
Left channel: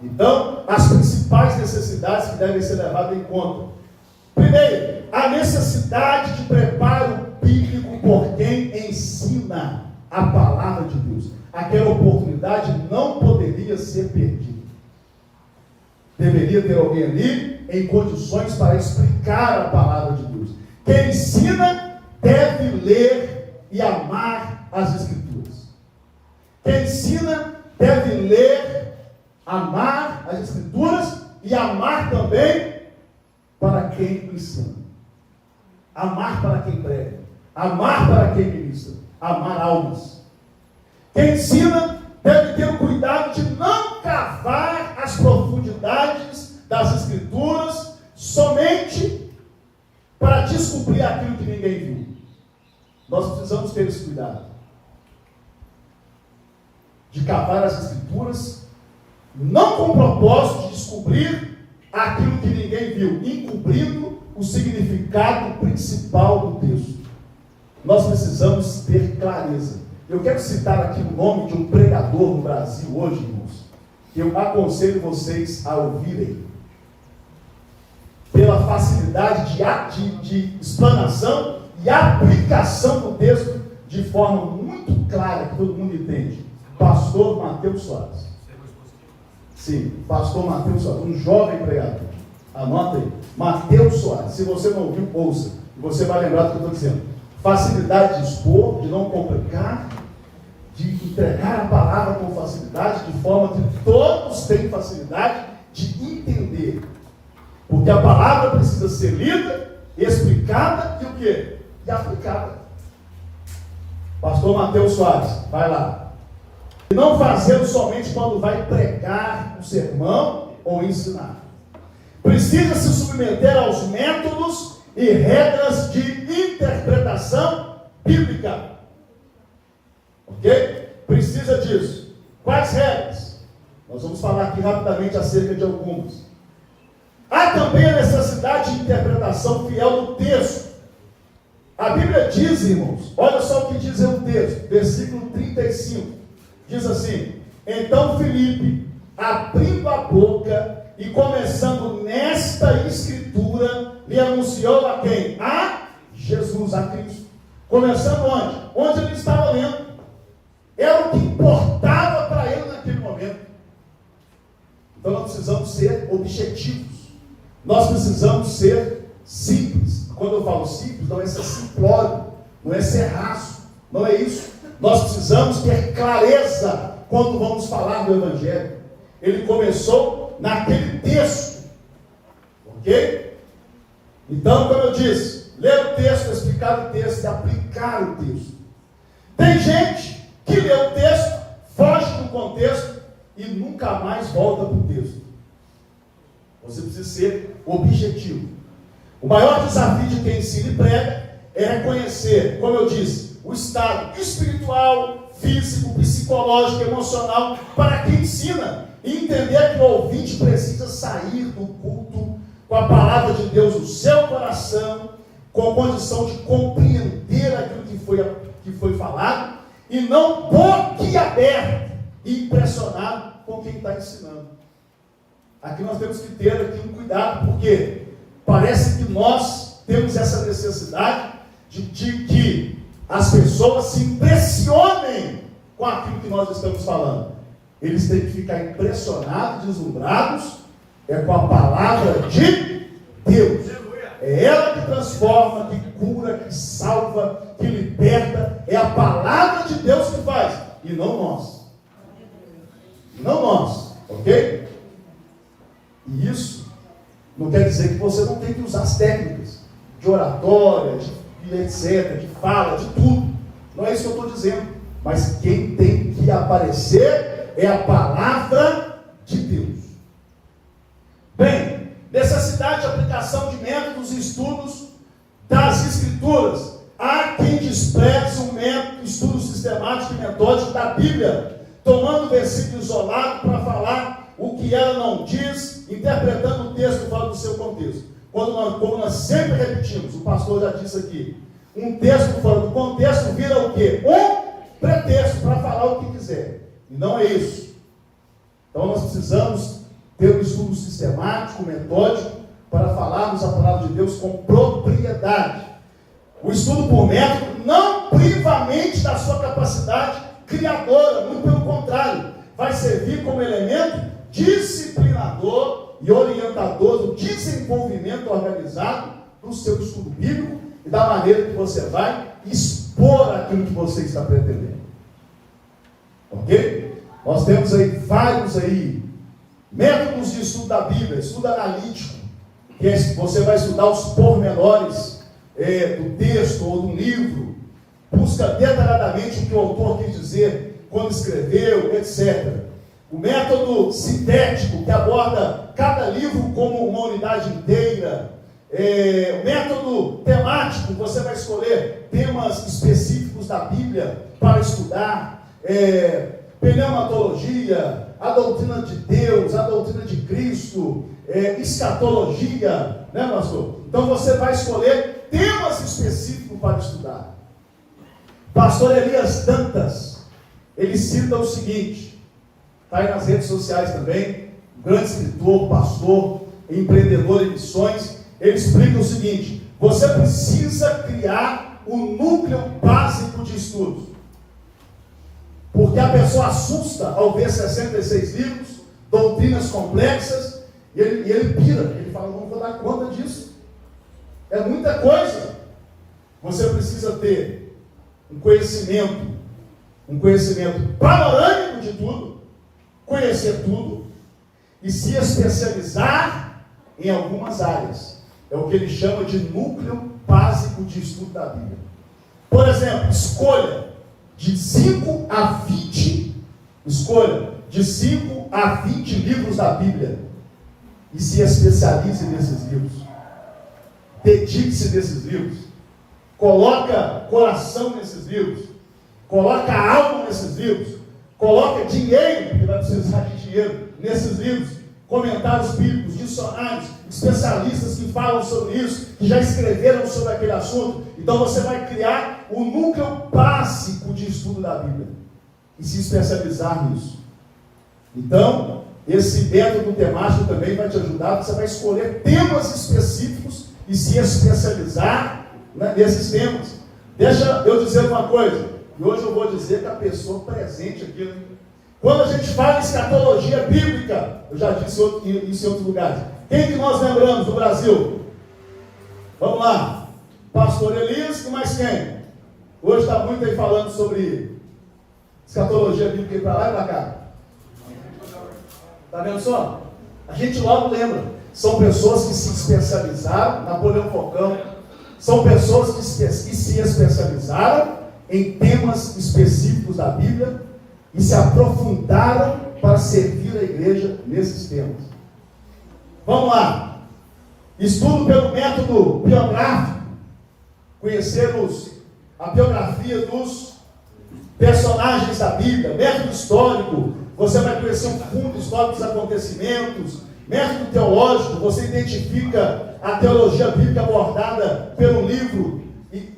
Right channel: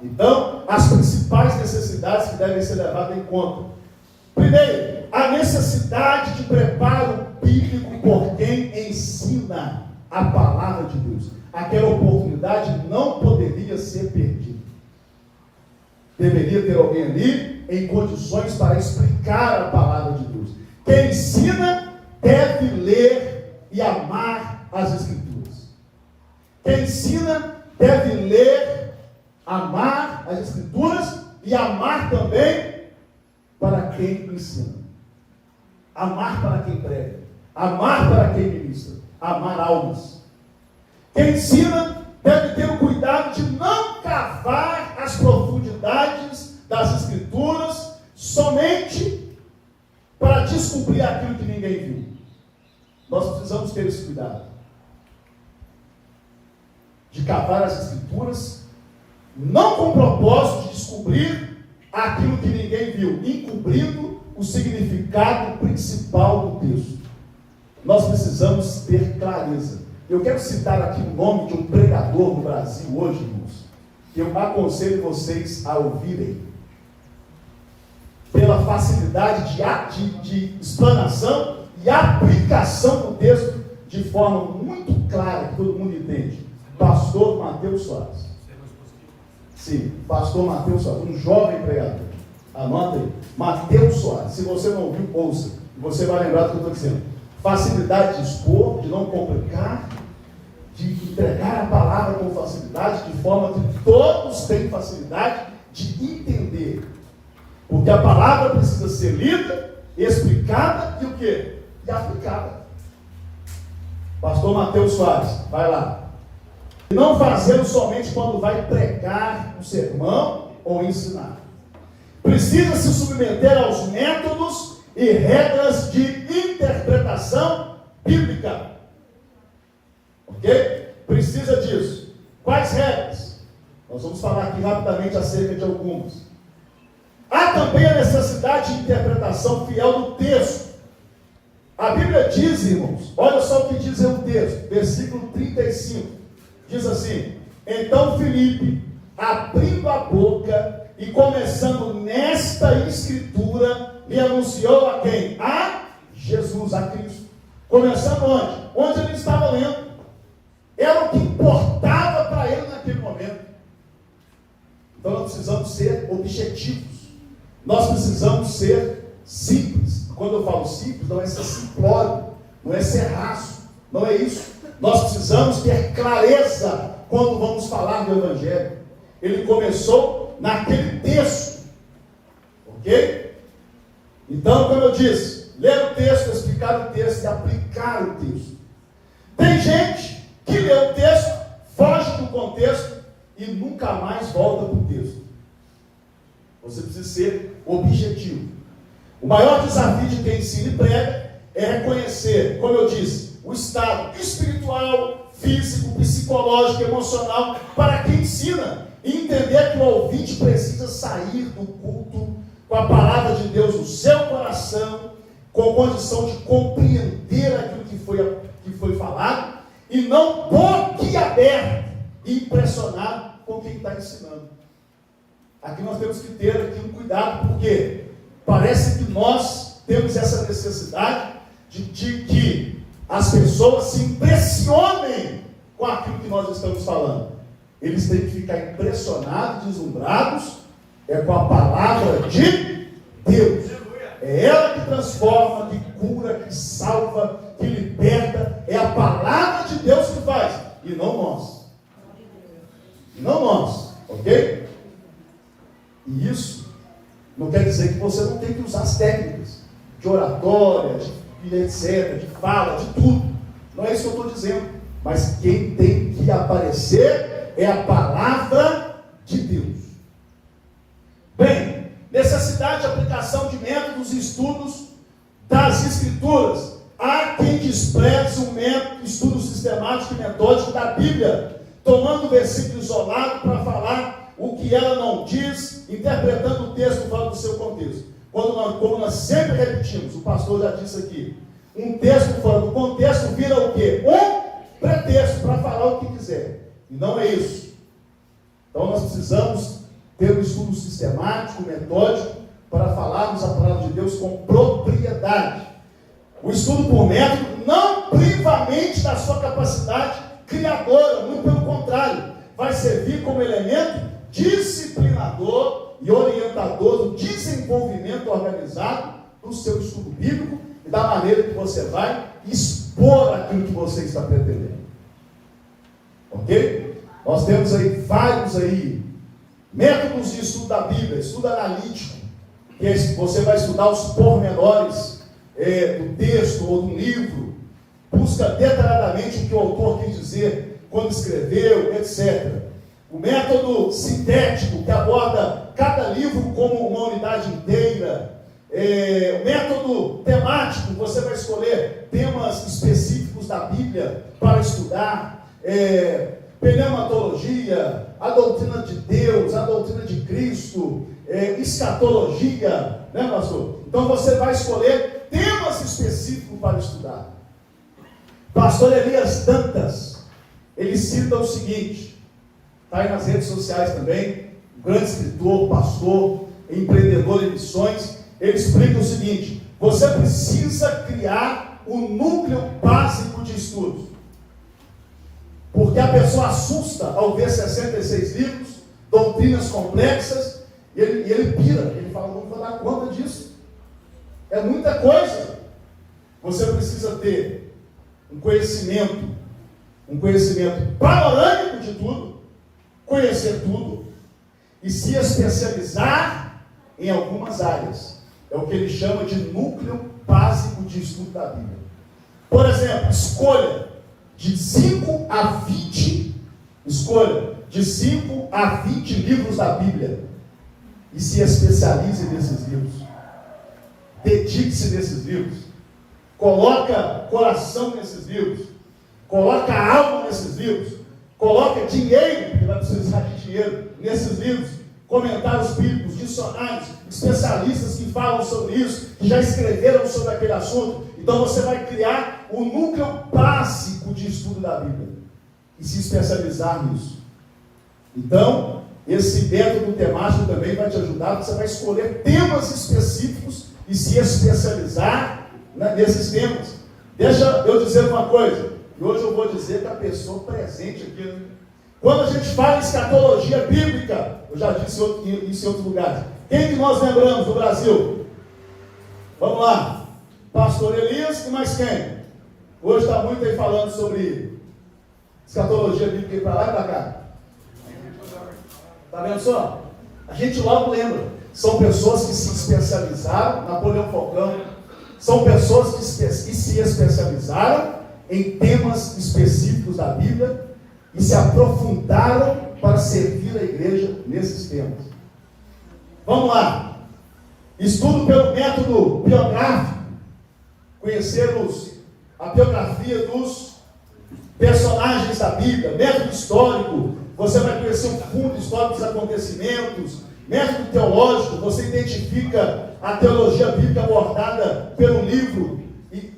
Então, as principais necessidades que devem ser levadas em conta. Primeiro, a necessidade de preparo bíblico por quem ensina a palavra de Deus. Aquela oportunidade não poderia ser perdida. Deveria ter alguém ali em condições para explicar a palavra de Deus. Quem ensina deve ler e amar as Escrituras. Quem ensina deve ler, amar as Escrituras e amar também para quem ensina. Amar para quem prega. Amar para quem ministra. Amar almas. Quem ensina deve ter o cuidado de não cavar as profundidades das Escrituras somente para descobrir aquilo que ninguém viu. Nós precisamos ter esse cuidado de cavar as Escrituras não com o propósito de descobrir aquilo que ninguém viu, encobrindo o significado principal do texto. Nós precisamos ter clareza. Eu quero citar aqui o nome de um pregador no Brasil hoje, irmãos, que eu aconselho vocês a ouvirem. Pela facilidade de explanação e aplicação do texto de forma muito clara, que todo mundo entende. Pastor Mateus Soares. Sim, pastor Mateus Soares, um jovem pregador. Anota aí, Mateus Soares. Se você não ouviu, ouça. E você vai lembrar do que eu estou dizendo. Facilidade de expor, de não complicar, de entregar a palavra com facilidade, de forma que todos tenham facilidade de entender. Porque a palavra precisa ser lida, explicada e o quê? E aplicada. Pastor Mateus Soares, vai lá. E não fazê-lo somente quando vai pregar um sermão ou ensinar. Precisa se submeter aos métodos e regras de interpretação bíblica. Ok? Precisa disso. Quais regras? Nós vamos falar aqui rapidamente acerca de algumas. Há também a necessidade de interpretação fiel do texto. A Bíblia diz, irmãos, olha só o que diz o texto, versículo 35. Diz assim: então Filipe, abrindo a boca e começando nesta escritura, lhe anunciou a quem? A Jesus, a Cristo. Começando onde? Onde ele estava lendo. Era o que importava para ele naquele momento. Então nós precisamos ser objetivos. Nós precisamos ser simples. Quando eu falo simples, não é ser simplório, não é ser raso, não é isso. Nós precisamos ter clareza quando vamos falar do Evangelho. Ele começou naquele texto, ok? Então, como eu disse, ler o texto, explicar o texto e aplicar o texto. Tem gente que lê o texto, foge do contexto e nunca mais volta para o texto. Você precisa ser objetivo. O maior desafio de quem ensina e prega é reconhecer, como eu disse, o estado espiritual, físico, psicológico, emocional para quem ensina e entender que o ouvinte precisa sair do culto com a palavra de Deus no seu coração, com condição de compreender aquilo que foi falado e não boquiaberto e impressionado com quem está ensinando. Aqui nós temos que ter aqui um cuidado, porque parece que nós temos essa necessidade de que as pessoas se impressionem com aquilo que nós estamos falando. Eles têm que ficar impressionados, deslumbrados, com a palavra de Deus. É ela que transforma, que cura, que salva, que liberta. É a palavra de Deus que faz, e não nós. Não nós, ok? E isso não quer dizer que você não tem que usar as técnicas de oratória, de etc., de fala, de tudo. Não é isso que eu estou dizendo. Mas quem tem que aparecer é a palavra de Deus. Bem, necessidade de aplicação de métodos e estudos das Escrituras. Há quem despreze um método, estudo sistemático e metódico da Bíblia, tomando o versículo isolado para falar o que ela não diz, interpretando o texto fora do seu contexto. Como nós sempre repetimos, o pastor já disse aqui, um texto fora do contexto vira o quê? Um pretexto para falar o que quiser. E não é isso. Então nós precisamos ter um estudo sistemático, metódico, para falarmos a palavra de Deus com propriedade. O estudo por método não priva a mente da sua capacidade criadora, muito pelo contrário, vai servir como elemento disciplinador e orientador do desenvolvimento organizado do seu estudo bíblico e da maneira que você vai expor aquilo que você está pretendendo. Ok? Nós temos aí vários métodos de estudo da Bíblia, estudo analítico, que você vai estudar os pormenores do texto ou do livro, busca detalhadamente o que o autor quis dizer quando escreveu, etc. O método sintético, que aborda cada livro como uma unidade inteira. O método temático, você vai escolher temas específicos da Bíblia para estudar. Pneumatologia, a doutrina de Deus, a doutrina de Cristo, escatologia, né, pastor? Então você vai escolher temas específicos para estudar. Pastor Elias Dantas, ele cita o seguinte, está aí nas redes sociais também, um grande escritor, pastor, empreendedor em missões, ele explica o seguinte: você precisa criar um núcleo básico de estudos. Porque a pessoa assusta ao ver 66 livros, doutrinas complexas, e ele pira, ele fala, não vou dar conta disso. É muita coisa. Você precisa ter um conhecimento panorâmico de tudo, conhecer tudo, e se especializar em algumas áreas. É o que ele chama de núcleo básico de estudo da Bíblia. Por exemplo, escolha de 5 a 20 livros da Bíblia e se especialize nesses livros. Dedique-se nesses livros. Coloca coração nesses livros. Coloca alma nesses livros. Coloca dinheiro, porque vai precisar de dinheiro, nesses livros. Comentários bíblicos, dicionários, especialistas que falam sobre isso, que já escreveram sobre aquele assunto. Então você vai criar um núcleo básico de estudo da Bíblia e se especializar nisso. Então, esse método temático também vai te ajudar. Você vai escolher temas específicos e se especializar, né, nesses temas. Deixa eu dizer uma coisa, e hoje eu vou dizer que a pessoa presente aqui, né? Quando a gente fala em escatologia bíblica, eu já disse isso em outros lugares. Quem que nós lembramos do Brasil? Vamos lá. Pastor Elias e mais quem? Hoje está muito aí falando sobre escatologia bíblica para lá e para cá. Está vendo só? A gente logo lembra. São pessoas que se especializaram, Napoleão Falcão, são pessoas que se especializaram em temas específicos da Bíblia e se aprofundaram para servir a igreja nesses temas. Vamos lá. Estudo pelo método biográfico. Conhecermos a biografia dos personagens da Bíblia. Método histórico. Você vai conhecer o fundo histórico dos acontecimentos. Método teológico. Você identifica a teologia bíblica abordada pelo livro,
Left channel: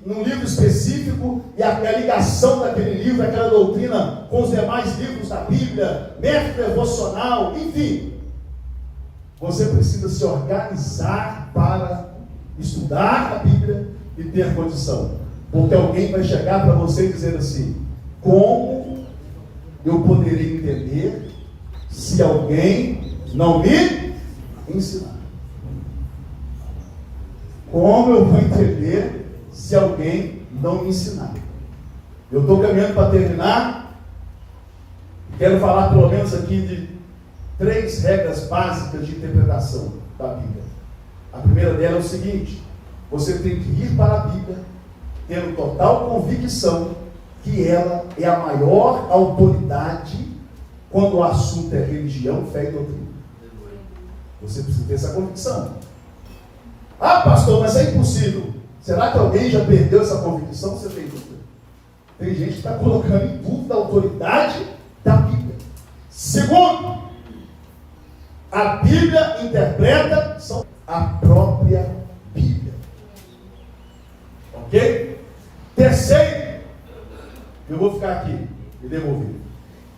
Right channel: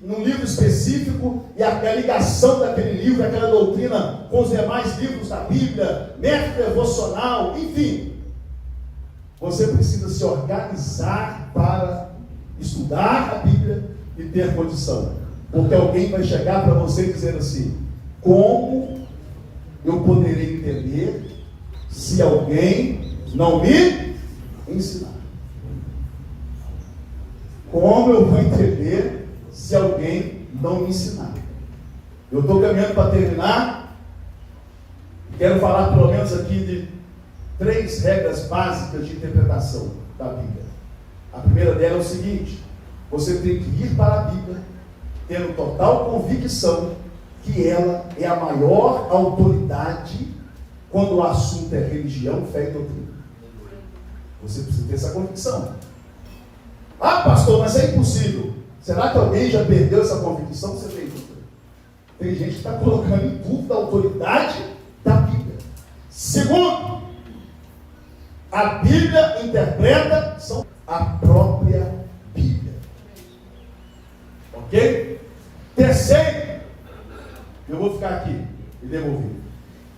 num livro específico, e a ligação daquele livro, aquela doutrina com os demais livros da Bíblia, método devocional, enfim. Você precisa se organizar para estudar a Bíblia e ter condição. Porque alguém vai chegar para você e dizer assim: como eu poderia entender se alguém não me ensinar? Como eu vou entender se alguém não me ensinar? Eu estou caminhando para terminar. Quero falar pelo menos aqui de 3 regras básicas de interpretação da Bíblia. A primeira dela é o seguinte: você tem que ir para a Bíblia tendo total convicção que ela é a maior autoridade quando o assunto é religião, fé e doutrina. Você precisa ter essa convicção. Ah, pastor, mas é impossível. Será que alguém já perdeu essa convicção? Você tem dúvida? Tem gente que está colocando em dúvida a autoridade da Bíblia. Segundo, a Bíblia interpreta a própria Bíblia. Ok? Terceiro, eu vou ficar aqui e devolver.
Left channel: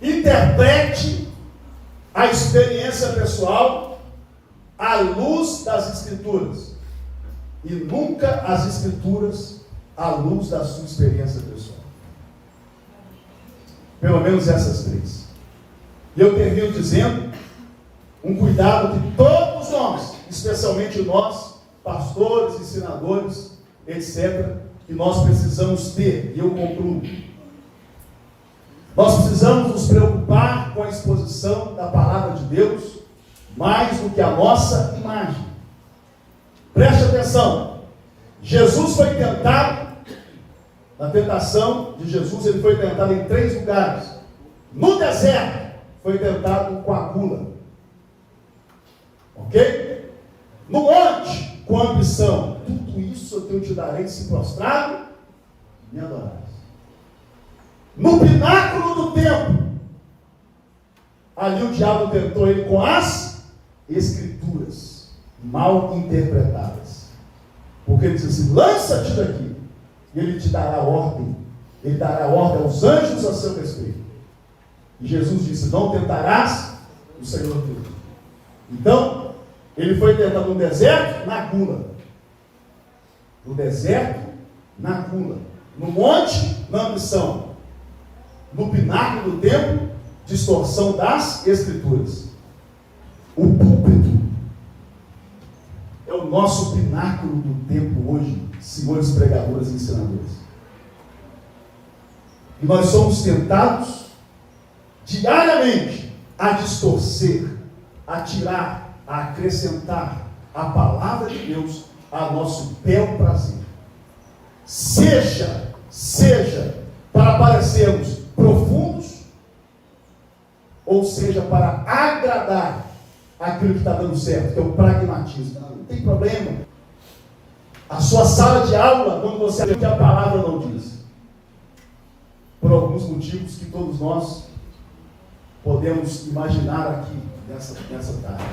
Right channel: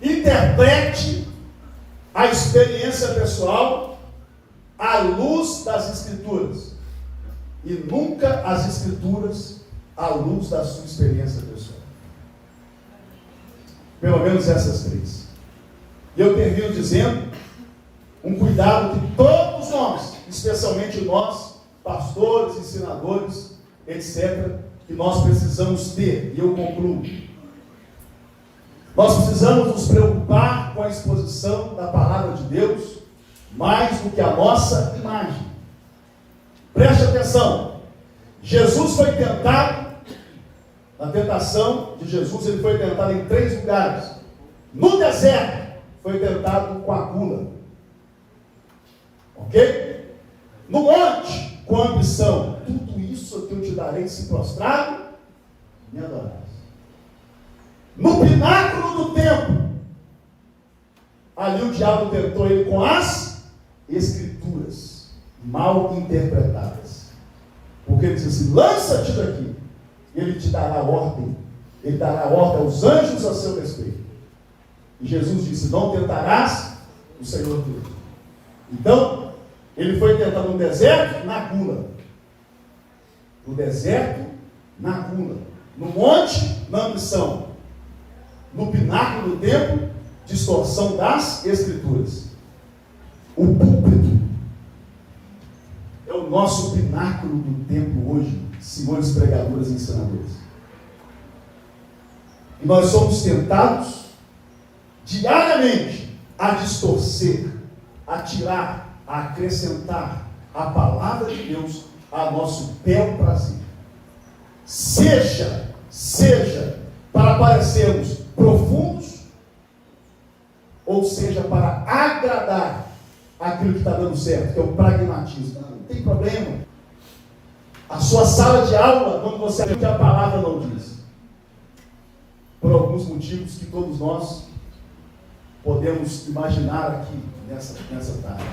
Interprete a experiência pessoal à luz das Escrituras. E nunca as Escrituras à luz da sua experiência pessoal. Pelo menos essas três. Eu termino dizendo um cuidado que todos nós, especialmente nós, pastores, ensinadores, etc., que nós precisamos ter, e eu concluo. Nós precisamos nos preocupar com a exposição da palavra de Deus, mais do que a nossa imagem. Preste atenção, Jesus foi tentado, na tentação de Jesus, ele foi tentado em 3 lugares. No deserto, foi tentado com a gula. Ok? No monte, com a ambição. Tudo isso que eu te darei se prostrado me adorarás. No pináculo do templo, ali o diabo tentou ele com as Escrituras mal interpretadas. Porque ele disse assim: lança-te daqui, e ele te dará ordem. Ele dará ordem aos anjos a seu respeito. E Jesus disse: não tentarás o Senhor Deus. Então, ele foi tentado no deserto, na gula. No deserto, na gula. No monte, na ambição. No pináculo do templo, distorção das Escrituras. O púlpito é o nosso pináculo do templo hoje, senhores pregadores e ensinadores. E nós somos tentados diariamente a distorcer, a tirar, a acrescentar a palavra de Deus a nosso bel prazer. Seja para parecermos profundos, ou seja para agradar aquilo que está dando certo, que é o pragmatismo. Não tem problema. A sua sala de aula, quando você vê que a palavra não diz, por alguns motivos que todos nós podemos imaginar aqui nessa tarde.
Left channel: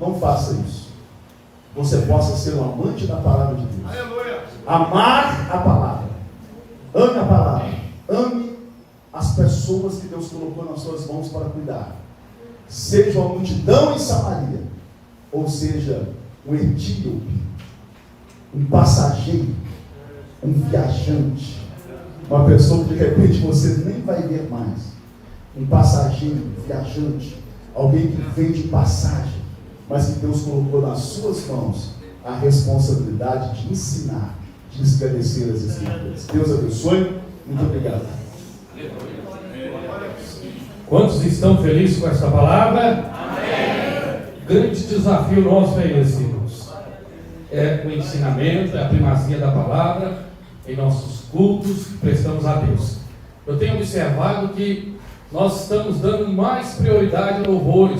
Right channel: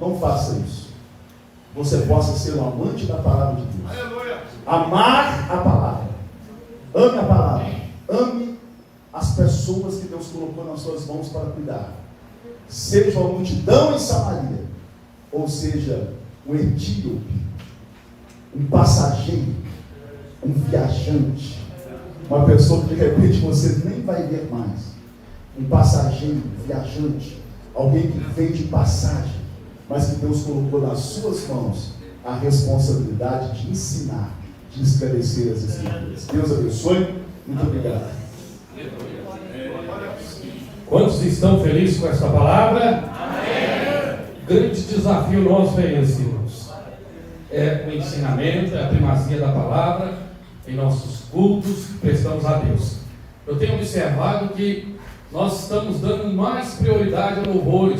Não faça isso. Você possa ser um amante da palavra de Deus. Aleluia. Amar a palavra. Ame a palavra. Ame as pessoas que Deus colocou nas suas mãos para cuidar. Seja uma multidão em Samaria, ou seja, um etíope, um passageiro, um viajante, uma pessoa que de repente você nem vai ver mais. Um passageiro, viajante, alguém que vem de passagem, mas que Deus colocou nas suas mãos a responsabilidade de ensinar, de esclarecer as Escrituras. Deus abençoe. Muito obrigado. Quantos estão felizes com esta palavra? Amém. Grande desafio nosso é esse, irmãos. É o ensinamento, é a primazia da palavra em nossos cultos que prestamos a Deus. Eu tenho observado que nós estamos dando mais prioridade ao louvor.